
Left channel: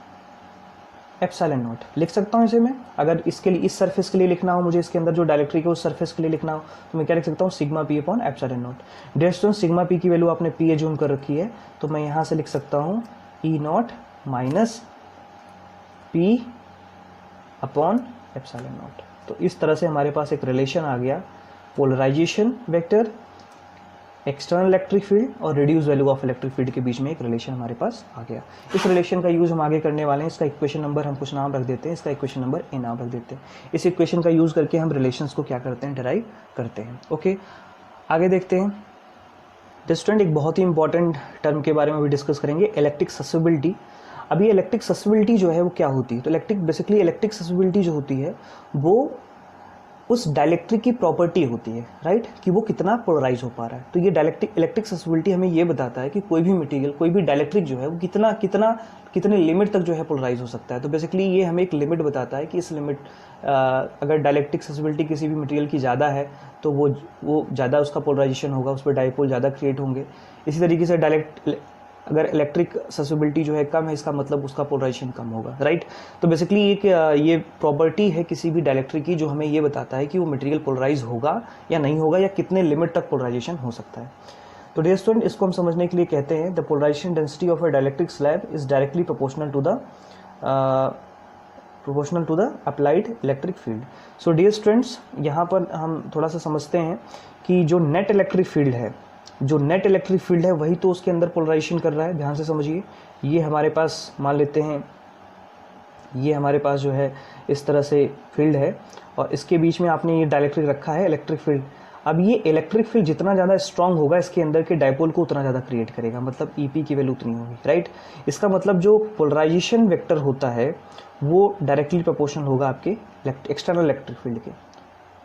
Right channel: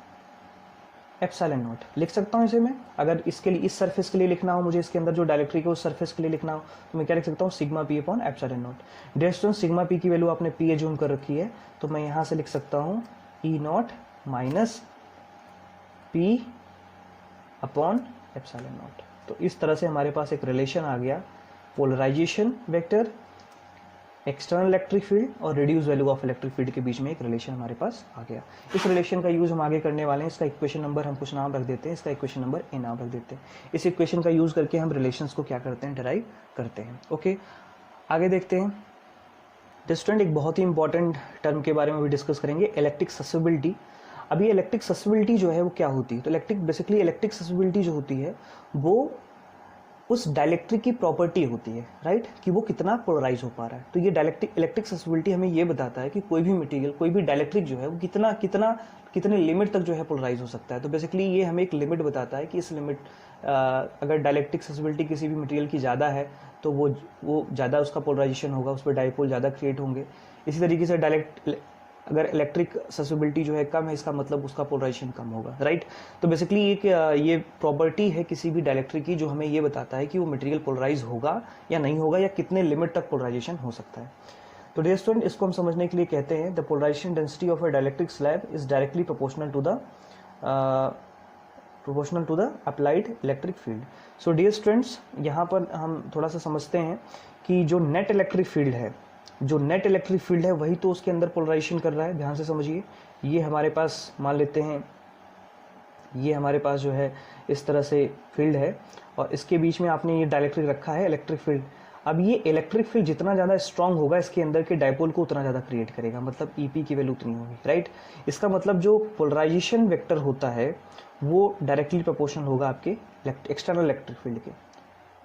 epsilon not, लिख सकता हूँ इसे मैं। अगर इसके लिए, इस सरफेस के लिए लिखना हो मुझे, इसके अंदर जो डायलेक्ट्रिक है उस सरफेस के लिए लिखना हो, तो मैं क्या लिख सकता हूँ, sigma P upon epsilon naught. Dear student, sigma P की वैल्यू आपने पी एज्यूम कर रखी है, तो मैं यहाँ से लिख सकता हूँ E naught minus P upon epsilon naught. तो इस तरह से हमारे पास एक रिलेशन आ गया polarisation vector external electric field और reduce value of electric field के बीच में एक रिलेशन हमारे पास आ गया। इस रिलेशन का यूज़ हम आगे करने वाले हैं। इसका इक्वेशन नंबर हम कुछ नाम रख देते हैं, इसका इक्वेशन नंबर ए नाम रख देते हैं। इस इक्वेशन का यूज़ करके हम रिलेशंस को क्या करते हैं, डिराइव करते हैं। ओके, आगे देखते हैं। स्टूडेंट एक बहुत ही इंपॉर्टेंट टर्म के बारे में भी डिस्कस करेंगे, इलेक्ट्रिक ससेसिबिलिटी। अभी इलेक्ट्रिक ससेसिबिलिटी जो है वो क्या होती है, तो बेसिकली इलेक्ट्रिक ससेसिबिलिटी जो होती है वो उस डाइलेक्ट्रिक की प्रॉपर्टी होती है, राइट, कि वो कितना पोलराइज हो पा रहा है। तो ये इलेक्ट्रिक ससेसिबिलिटी हमें ये बताता है कि कोई भी मटेरियल, कोई भी डाइलेक्ट्रिक जो है वो कितने लिमिट तक जो है पोलराइज हो सकता है। तो बेसिकली ये हमें एक लिमिट बताता है कि इस लिमिट अगर डाइलेक्ट्रिक ससेसिबिलिटी किसी भी मटेरियल की ज़्यादा है तो वो ज़्यादा उसका पोलराइजेशन होगा, उस पर डाइपोल ज़्यादा क्रिएट होंगे। इसी तरीके से अगर इलेक्ट्रिक ससेसिबिलिटी जो है कम है, इसका मतलब उसका पोलराइजेशन कम होगा, राइट। तो बेसिकली ये प्रॉपर्टी है किसी भी डाइलेक्ट्रिक की जो हमें ये बताता है कि वो मटेरियल पोलराइज होगा या नहीं होगा, या कितने लिमिट तक पोलराइजेशन हो सकता है। तो डियर स्टूडेंट, इसको हम समझने के लिए कहते हैं the polarization density of a dielectric slab is directly proportional to the applied electric field. So dear students, यहाँ पर हम थोड़ा सा समझते हैं कि जो नेट इलेक्ट्रिक फील्ड है वही तो उसके अंदर पोलराइजेशन कर रहा है। ध्यान से समझिए, ये हमारे पास मान लेते हैं, ये हमारे पास जो है इस तरह से फील्ड है और इसके बीच में आपने ये डाइलेक्ट्रिक रखा है, इलेक्ट्रिक फील्ड। अब ये इलेक्ट्रिक फील्ड जितना ज़्यादा स्ट्रांग होगा इसके अंदर के डाइपोल को उतना ज़्यादा क्रिएट करेगा, मतलब ईपी की वैल्यू उतनी होगी, राइट। इसका मतलब जो पोलराइजेशन वेक्टर होता है वो डायरेक्टली प्रोपोर्शनल होगा आपके एक्सटर्नल इलेक्ट्रिक फील्ड के।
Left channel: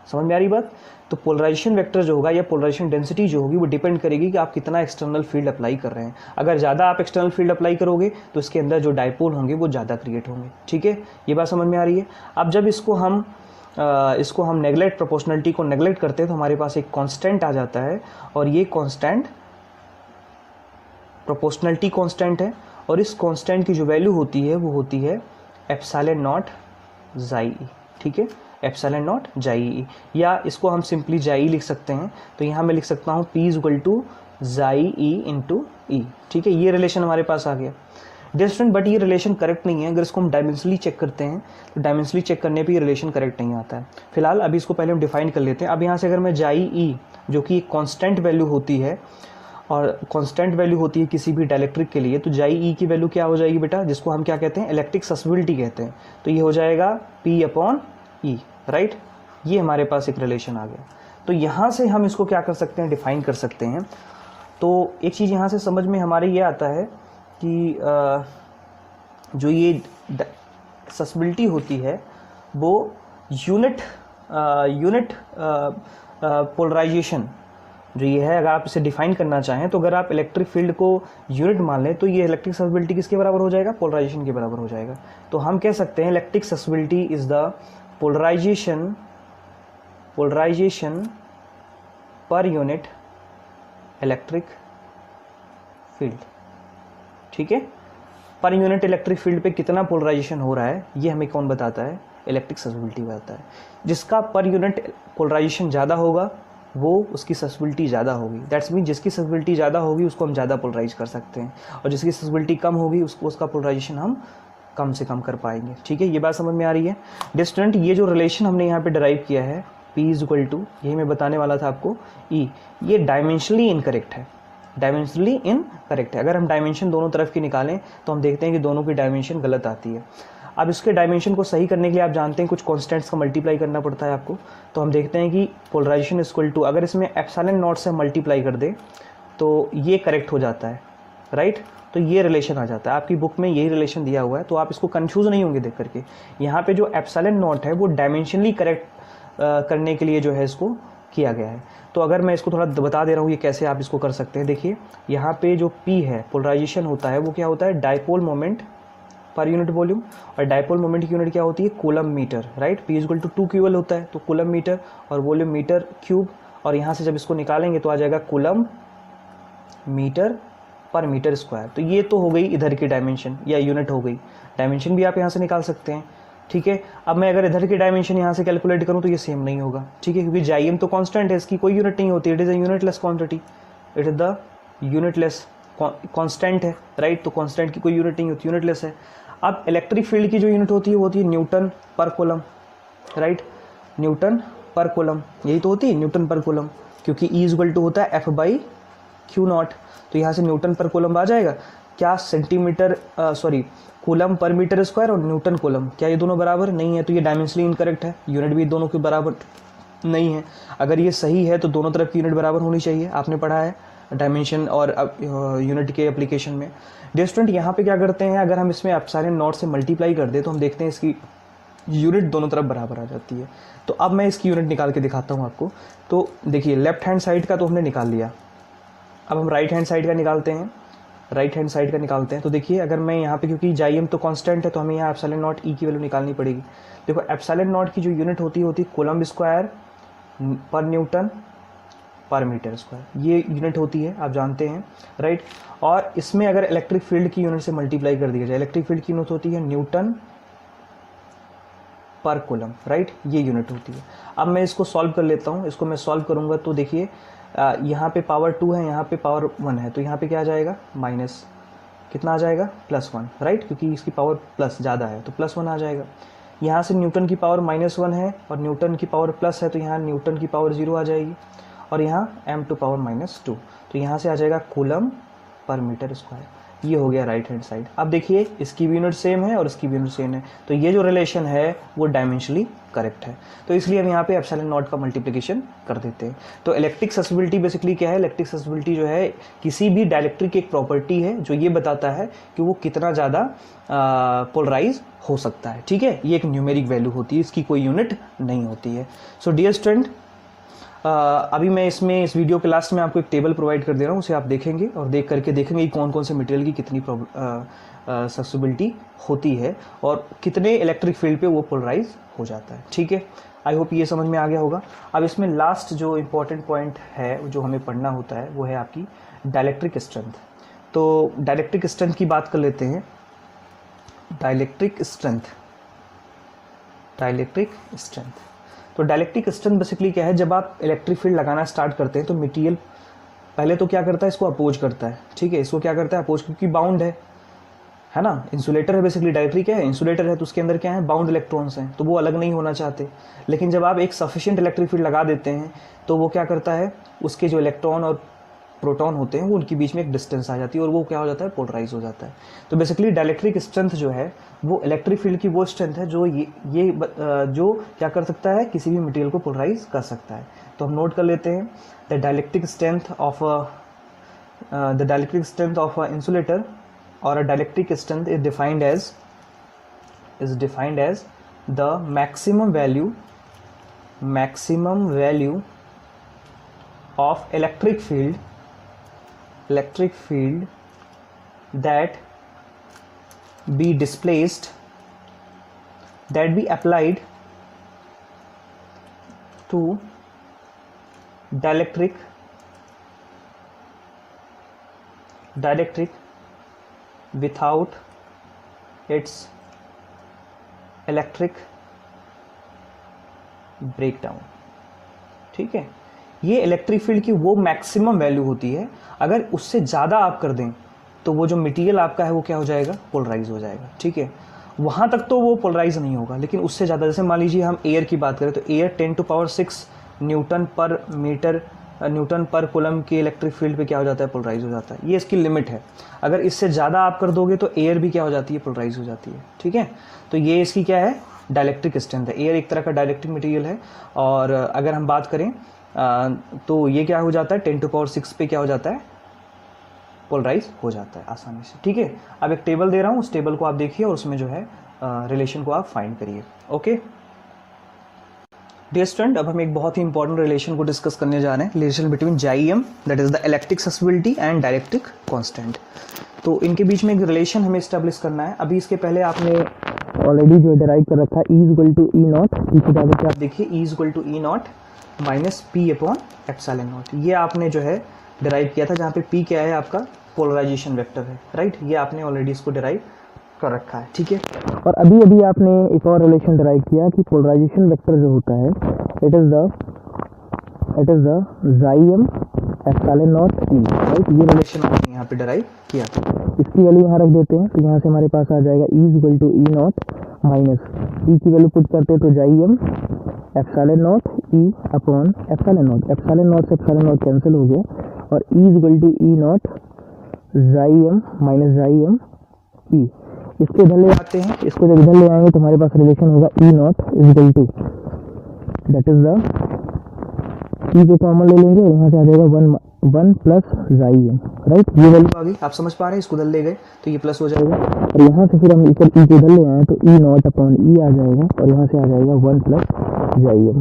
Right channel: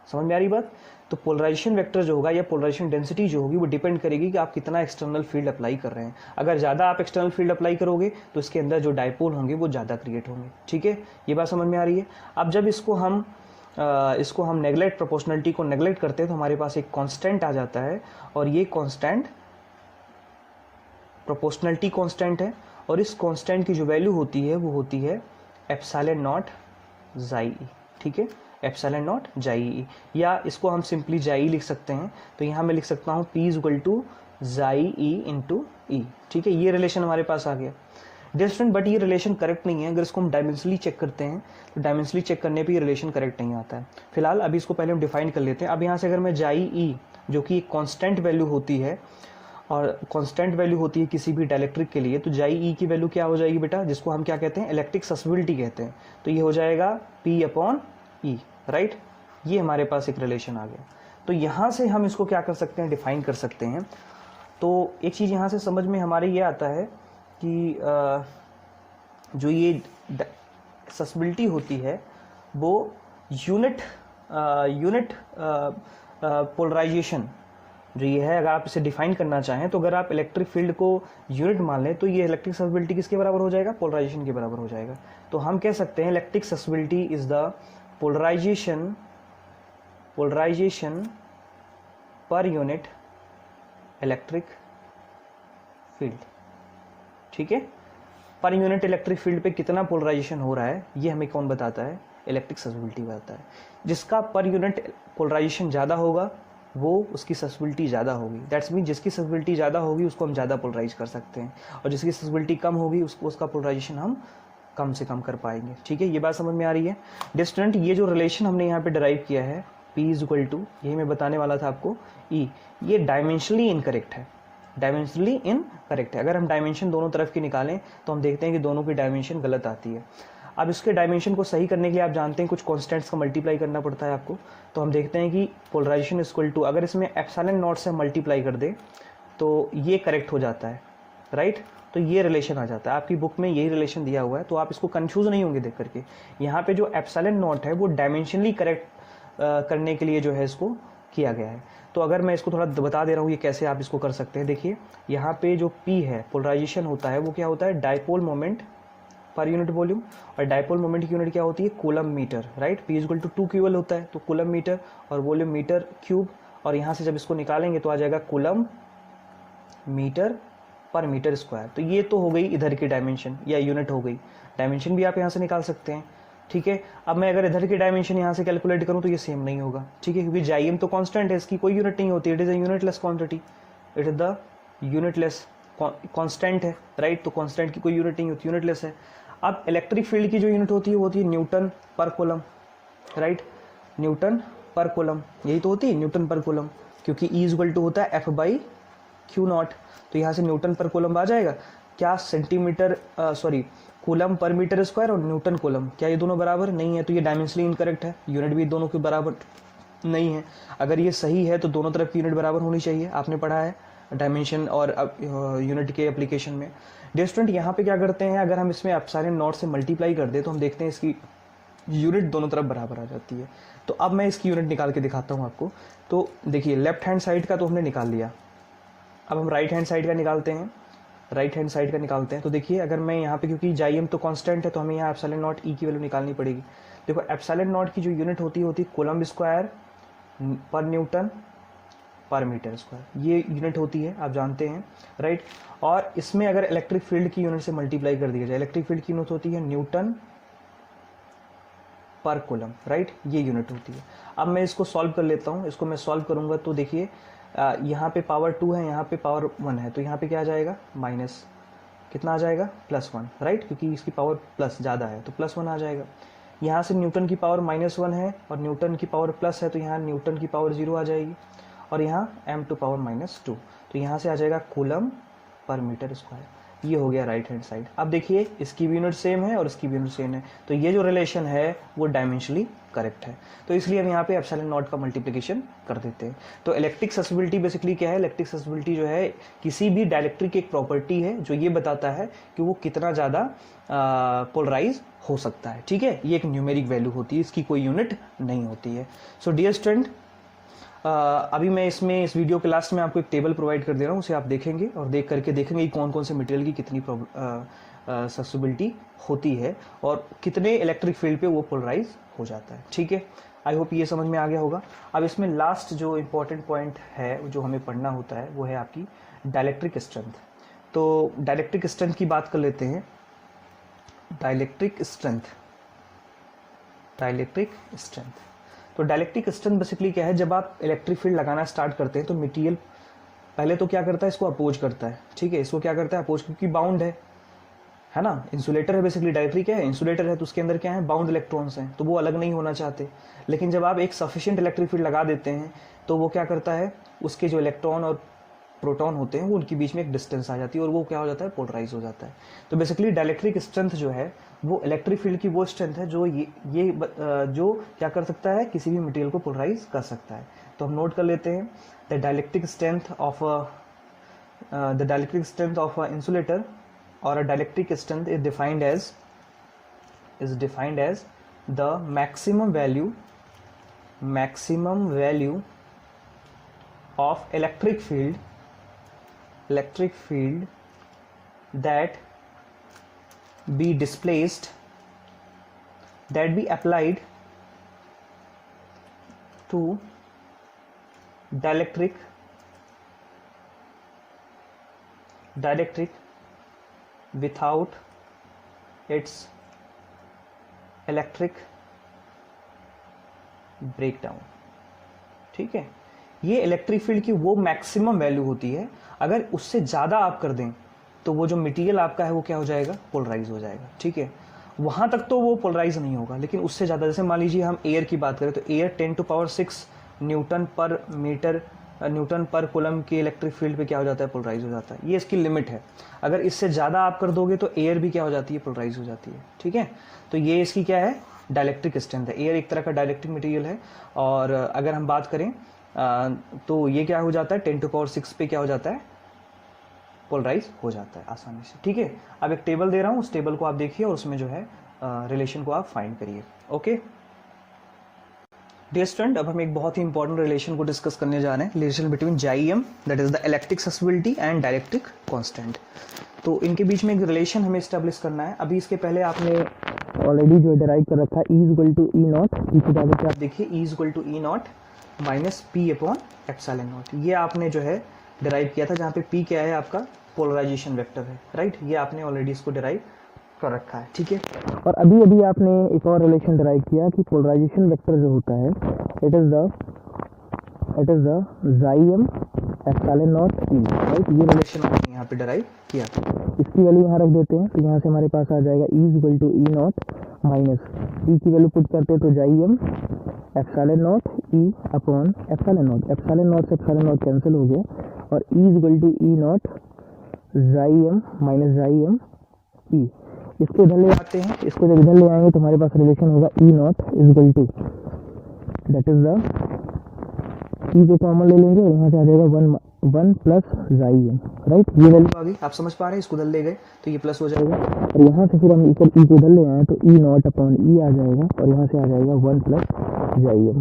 समझ में आ रही बात। तो पोलराइजेशन वेक्टर जो होगा या पोलराइजेशन डेंसिटी जो होगी वो डिपेंड करेगी कि आप कितना एक्सटर्नल फील्ड अप्लाई कर रहे हैं। अगर ज़्यादा आप एक्सटर्नल फील्ड अप्लाई करोगे तो इसके अंदर जो डाइपोल होंगे वो ज़्यादा क्रिएट होंगे, ठीक है, ये बात समझ में आ रही है। अब जब इसको हम प्रोपोर्शनलिटी को नेग्लेक्ट करते हैं तो हमारे पास एक कांस्टेंट आ जाता है और ये कांस्टेंट प्रोपोर्शनलिटी कांस्टेंट है और इस कांस्टेंट की जो वैल्यू होती है वो होती है एप्सिलॉन नॉट जाई, ठीक है, एप्सिलॉन नॉट जाई, या इसको हम सिंपली जाई लिख सकते हैं। तो यहाँ मैं लिख सकता हूँ P इक्वल टू जाई ई इंटू ई, ठीक है, ये रिलेशन हमारे पास आ गया। डियर स्टूडेंट, बट ये रिलेशन करेक्ट नहीं है। अगर इसको हम डायमेंशनली चेक करते हैं तो डायमेंशनली चेक करने पे ये रिलेशन करेक्ट नहीं आता है। फिलहाल अभी इसको पहले हम डिफाइन कर लेते हैं। अब यहाँ से अगर मैं जाई ई जो कि एक कॉन्स्टेंट वैल्यू होती है और कांस्टेंट वैल्यू होती है किसी भी डाइलेक्ट्रिक के लिए, तो जाई ई की वैल्यू क्या हो जाएगी बेटा, जिसको हम क्या कहते हैं, इलेक्ट्रिक ससेसिबिलिटी कहते हैं। तो ये हो जाएगा P अपॉन E, राइट। ये हमारे पास एक रिलेशन आ गया। तो यहाँ से हम इसको क्या कर सकते हैं, डिफाइन कर सकते हैं। तो एक चीज़ यहाँ से समझ में हमारे ये आता है कि जो ये ससेसिबिलिटी होती है वो यूनिट पोलराइजेशन जो ये है, अगर आप इसे डिफाइन करना चाहें तो अगर आप इलेक्ट्रिक फील्ड को यूनिट मान लें तो ये इलेक्ट्रिक ससेसिबिलिटी किसके बराबर हो जाएगा, पोलराइजेशन के बराबर हो जाएगा। तो हम कह सकते हैं electric susceptibility is the polarisation per unit electric field, ठीक है। पर यूनिट इलेक्ट्रिक फील्ड पे कितना पोलराइजेशन हो रहा है ये हमें कौन बताता है, इलेक्ट्रिक ससेसिबिलिटी बताता है। जिसका पर यूनिट पोलराइजेशन ज़्यादा होगा वो उसकी ससेसिबिलिटी ज़्यादा होगी। दैट्स मीन जिसकी ससेसिबिलिटी ज़्यादा होगी उसको हम ज़्यादा पोलराइज कर सकते हैं और जिसकी ससेसिबिलिटी कम होगी उसका पोलराइजेशन हम कम से कम कर पाएंगे, ठीक है, ये बात समझ में आ रही है। डियर स्टूडेंट, ये जो रिलेशन हमने यहाँ पे डिराइव किया है P इज इक्वल टू, यही मैं बताने वाला था आपको, E, ये डायमेंशनली इनकरेक्ट है, डायमेंशनली इनकरेक्ट है। अगर हम डायमेंशन दोनों तरफ की निकालें तो हम देखते हैं कि दोनों की डायमेंशन गलत आती है। अब इसके डायमेंशन को सही करने के लिए आप जानते हैं कुछ कॉन्स्टेंट्स का मल्टीप्लाई करना पड़ता है आपको। तो हम देखते हैं कि पोलराइजेशन इक्वल टू, अगर इसमें एप्सिलॉन नॉट से मल्टीप्लाई कर दे तो ये करेक्ट हो जाता है, राइट। तो ये रिलेशन आ जाता है, आपकी बुक में यही रिलेशन दिया हुआ है, तो आप इसको कंफ्यूज नहीं होंगे देख करके। यहाँ पे जो एप्सिलॉन नॉट है वो डायमेंशनली करेक्ट करने के लिए जो है इसको किया गया है। तो अगर मैं इसको थोड़ा बता दे रहा हूँ ये कैसे आप इसको कर सकते हैं। देखिए यहाँ पे जो P है पोलराइजेशन होता है वो क्या होता है, dipole moment per unit volume, और डाइपोल मोमेंट की यूनिट क्या होती है, coulomb metre, right. P equal to 2 QL होता है, तो कूलम मीटर और वॉल्यूम मीटर क्यूब, और यहाँ से जब इसको निकालेंगे तो आ जाएगा coulomb metre per metre square. तो ये तो हो गई इधर की डायमेंशन या यूनिट हो गई, डायमेंशन भी आप यहाँ से निकाल सकते हैं, ठीक है। अब मैं अगर इधर की डायमेंशन यहाँ से कैलकुलेट करूँ तो ये सेम नहीं होगा, ठीक है, क्योंकि जाइम तो कांस्टेंट है, इसकी कोई यूनिट नहीं होती, it is a unitless quantity, it is the unitless constant है, राइट। तो कांस्टेंट की कोई यूनिट नहीं होती, यूनिटलेस है। अब इलेक्ट्रिक फील्ड की जो यूनिट होती है वो होती है न्यूटन पर कूलम, राइट, न्यूटन पर कूलम, यही तो होती है न्यूटन पर कूलम, क्योंकि E इक्वल टू होता है F/A, क्यू नॉट, तो यहाँ से न्यूटन पर कूलम आ जाएगा। क्या centimetre coulomb per metre square और न्यूटन कूलम, क्या ये दोनों बराबर नहीं है? तो ये डायमेंशनली इनकरेक्ट है, यूनिट भी दोनों के बराबर नहीं है। अगर ये सही है तो दोनों तरफ की यूनिट बराबर होनी चाहिए, आपने पढ़ा है डायमेंशन और यूनिट के एप्लीकेशन में। डियर स्टूडेंट, यहाँ पे क्या करते हैं, अगर हम इसमें एप्सिलॉन नॉट से मल्टीप्लाई कर दे तो हम देखते हैं इसकी यूनिट दोनों तरफ बराबर आ जाती है। तो अब मैं इसकी यूनिट निकाल के दिखाता हूँ आपको। तो देखिए, लेफ्ट हैंड साइड का तो हमने निकाल लिया, अब हम राइट हैंड साइड का निकालते हैं। राइट हैंड साइड का निकालते हैं तो देखिए, अगर मैं यहाँ पे, क्योंकि जाइएम तो कांस्टेंट है तो हमें यहाँ एप्सिलॉन नॉट ई की वैल्यू निकालनी पड़ेगी। देखो, एप्सिलॉन नॉट की जो यूनिट होती है कूलम स्क्वायर पर न्यूटन पर मीटर स्क्वायर, ये यूनिट होती है, आप जानते हैं, राइट। और इसमें अगर इलेक्ट्रिक फील्ड की यूनिट से मल्टीप्लाई कर दिया जाए, इलेक्ट्रिक फील्ड की यूनिट होती है न्यूटन पर कूलम, राइट, ये यूनिट होती है। अब मैं इसको सॉल्व कर लेता हूँ। इसको मैं सॉल्व करूंगा तो देखिए, यहाँ पे पावर 2 है, यहाँ पे पावर 1 है, तो यहाँ पे क्या आ जाएगा, माइनस कितना आ जाएगा, +1, राइट, क्योंकि इसकी पावर प्लस ज़्यादा है तो +1 आ जाएगा। यहाँ से न्यूटन की पावर -1 है और न्यूटन की पावर प्लस है, तो यहाँ न्यूटन की पावर 0 आ जाएगी, और यहाँ m² -2, तो यहाँ से आ जाएगा कूलम पर मीटर स्क्वायर। ये हो गया राइट हैंड साइड। अब देखिए, इसकी भी यूनिट सेम है और इसकी भी यूनिट सेम है, तो ये जो रिलेशन है वो डायमेंशनली करेक्ट है। तो इसलिए हम यहाँ पे एप्सिलॉन नॉट का मल्टीप्लिकेशन कर देते हैं। तो इलेक्ट्रिक ससेसिबिलिटी बेसिकली क्या है, इलेक्ट्रिक ससेसिबिलिटी जो है किसी भी डाइलेक्ट्रिक की एक प्रॉपर्टी है जो ये बताता है कि वो कितना ज़्यादा पोलराइज हो सकता है, ठीक है। ये एक न्यूमेरिक वैल्यू होती है, इसकी कोई यूनिट नहीं होती है। सो डियर स्टूडेंट, अभी मैं इसमें इस वीडियो के लास्ट में आपको एक टेबल प्रोवाइड कर दे रहा हूँ, उसे आप देखेंगे और देख करके देखेंगे कि कौन कौन से मटेरियल की कितनी ससेसिबिलिटी होती है और कितने इलेक्ट्रिक फील्ड पे वो पोलराइज हो जाता है, ठीक है। आई होप ये समझ में आ गया होगा। अब इसमें लास्ट जो इम्पोर्टेंट पॉइंट है जो हमें पढ़ना होता है वो है आपकी डाइलेक्ट्रिक स्ट्रेंथ। तो डाइलेक्ट्रिक स्ट्रेंथ की बात कर लेते हैं। डाइलेक्ट्रिक स्ट्रेंथ, तो डाइलेक्ट्रिक स्ट्रेंथ बेसिकली क्या है, जब आप इलेक्ट्रिक फील्ड लगाना स्टार्ट करते हैं तो मटेरियल पहले तो क्या करता है, इसको अपोज करता है, ठीक है। इसको क्या करता है, अपोज, क्योंकि बाउंड है ना, इंसुलेटर है बेसिकली, डाइलेक्ट्रिक है, इंसुलेटर है, तो उसके अंदर क्या है, बाउंड इलेक्ट्रॉन्स हैं, तो वो अलग नहीं होना चाहते। लेकिन जब आप एक सफिशिएंट इलेक्ट्रिक फील्ड लगा देते हैं तो वो क्या करता है, उसके जो इलेक्ट्रॉन और प्रोटॉन होते हैं वो उनके बीच में एक डिस्टेंस आ जाती है और वो क्या हो जाता है, पोलराइज हो जाता है। तो बेसिकली डाइलेक्ट्रिक स्ट्रेंथ जो है वो इलेक्ट्रिक फील्ड की वो स्ट्रेंथ है जो जो क्या कर सकता है, किसी भी मटेरियल को पोलराइज कर सकता है। तो हम नोट कर लेते हैं, the dielectric strength of insulator or a dielectric strength is defined as the maximum value of electric field that be applied to dielectric without its electric breakdown, ठीक है। ये इलेक्ट्रिक फील्ड की वो मैक्सिमम वैल्यू होती है, अगर उससे ज़्यादा आप कर दें तो वो जो मटेरियल आपका है वो क्या हो जाएगा, पोलराइज हो जाएगा, ठीक है। वहाँ तक तो वो पोलराइज नहीं होगा, लेकिन उससे ज़्यादा, जैसे मान लीजिए हम एयर की बात करें तो एयर 10⁶ न्यूटन पर कूलम के इलेक्ट्रिक फील्ड पे क्या हो जाता है, पोलराइज हो जाता है। ये इसकी लिमिट है, अगर इससे ज़्यादा आप कर दोगे तो एयर भी क्या हो जाती है, पोलराइज हो जाती है, ठीक है। तो ये इसकी क्या है, डाइलेक्ट्रिक स्ट्रेंथ है। एयर एक तरह का डाइलेक्ट्रिक मटेरियल है, और अगर हम बात करें तो ये क्या हो जाता है, 10⁶ पे क्या हो जाता है, पोलराइज हो जाता है आसानी से, ठीक है। अब एक टेबल दे रहा हूँ, उस टेबल को आप देखिए और उसमें जो है रिलेशन को आप फाइंड करिए, ओके। डियर स्टूडेंट, अब हम एक बहुत ही इंपॉर्टेंट रिलेशन को डिस्कस करने जा रहे हैं, रिलेशन बिटवीन जाइएम, that is the electric susceptibility, and dielectric constant. तो इनके बीच में एक रिलेशन हमें एस्टेब्लिश करना है। अभी इसके पहले आपने ऑलरेडी जो डिराइव कर रखा है, E = E0, इसके बाद आप देखिए E = E0 - P/ε0, ये आपने जो है डिराइव किया था, जहाँ पे P क्या है, आपका पोलराइजेशन वेक्टर है, राइट। ये आपने ऑलरेडी इसको डिराइव कर रखा है, ठीक है। और अभी आपने एक और रिलेशन डिराइव किया कि पोलराइजेशन वेक्टर जो होता है, इट इज द जाइएम ε0 E, राइट। ये रिलेशन आपने यहाँ पे डिराइव किया था, इसकी वैल्यू यहाँ रख देते हैं, तो यहाँ से हमारे पास आ जाएगा E = E0 माइनस P की वैल्यू पुट करते हैं तो जाइएम ε0 E/ε0 से ε0 कैंसिल हो गया, और E equal to E naught chi M minus chi M E. इसको इधर ले आते हैं, इसको जब इधर ले आएंगे तो हमारे पास रिलेशन होगा E naught equal to that is the E को कॉमन ले लेंगे, यहाँ से आ जाएगा 1 प्लस जाई एम, राइट। ये वैल्यू आ गई, आप समझ पा रहे हैं, इसको इधर ले गए तो ये प्लस हो जाएगा, और यहाँ से फिर हम ई को इधर ले आए तो ई नॉट अपॉन ई आ जाएगा, और यहाँ से आ जाएगा 1 प्लस जाई एम।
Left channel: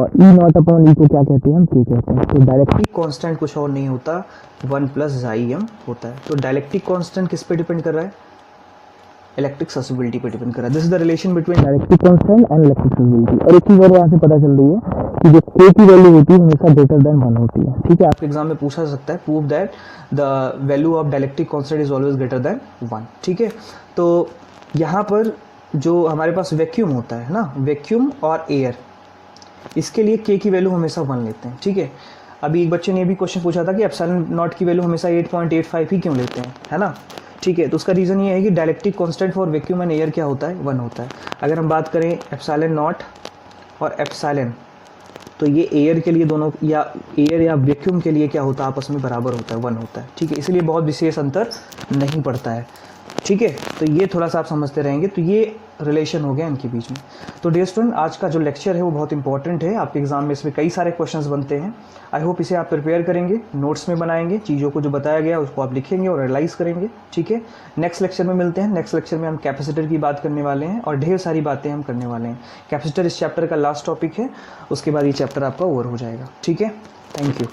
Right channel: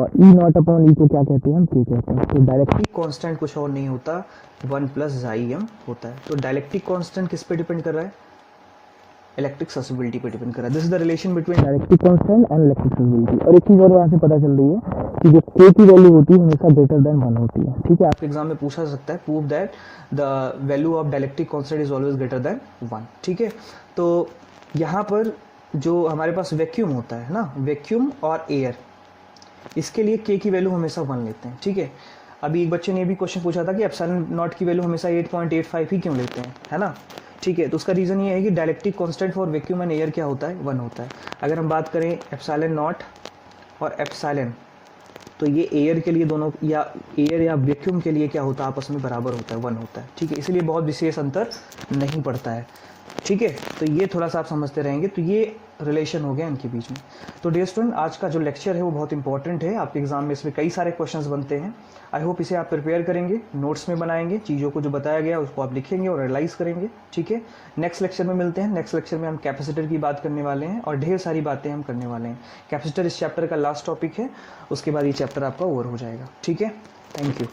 और ई नॉट अपॉन ई को क्या कहते हैं हम, के कहते हैं। तो डायरेक्टली कांस्टेंट कुछ और नहीं होता, 1 प्लस जाई एम होता है। तो डायलेक्ट्रिक कांस्टेंट किस पे डिपेंड कर रहा है, इलेक्ट्रिक ससेबिलिटी पे डिपेंड कर रहा है। This is the relation between dielectric constant and electric susceptibility. और एक चीज और यहाँ से पता चल रही है कि जो k की वैल्यू होती है हमेशा ग्रेटर देन 1 होती है, ठीक है। आपके एग्जाम में पूछा जा सकता है, prove that the value of dielectric constant is always greater than 1, ठीक है। तो यहाँ पर जो हमारे पास वैक्यूम होता है ना, वैक्यूम और एयर, इसके लिए k की वैल्यू हमेशा 1 लेते हैं, ठीक है। अभी एक बच्चे ने ये भी क्वेश्चन पूछा था कि एप्सिलॉन नॉट की वैल्यू हमेशा 8.85 ही क्यों लेते हैं, है ना, ठीक है। तो उसका रीज़न ये है कि dielectric constant for vacuum and air क्या होता है, 1 होता है। अगर हम बात करें एप्सिलॉन नॉट और एप्सिलॉन, तो ये एयर के लिए दोनों, या एयर या वैक्यूम के लिए क्या होता है, आपस में बराबर होता है, 1 होता है, ठीक है। इसलिए बहुत विशेष अंतर नहीं पड़ता है, ठीक है। तो ये थोड़ा सा आप समझते रहेंगे, तो ये रिलेशन हो गया इनके बीच में। तो डियर स्टूडेंट, आज का जो लेक्चर है वो बहुत इंपॉर्टेंट है, आपके एग्जाम में इसमें कई सारे क्वेश्चंस बनते हैं। आई होप इसे आप प्रिपेयर करेंगे, नोट्स में बनाएंगे, चीज़ों को जो बताया गया उसको आप लिखेंगे और रियलाइज करेंगे, ठीक है। नेक्स्ट लेक्चर में मिलते हैं। नेक्स्ट लेक्चर में हम कैपेसिटर की बात करने वाले हैं और ढेर सारी बातें हम करने वाले हैं। कैपेसिटर इस चैप्टर का लास्ट टॉपिक है, उसके बाद ये चैप्टर आपका ओवर हो जाएगा, ठीक है। Thank you.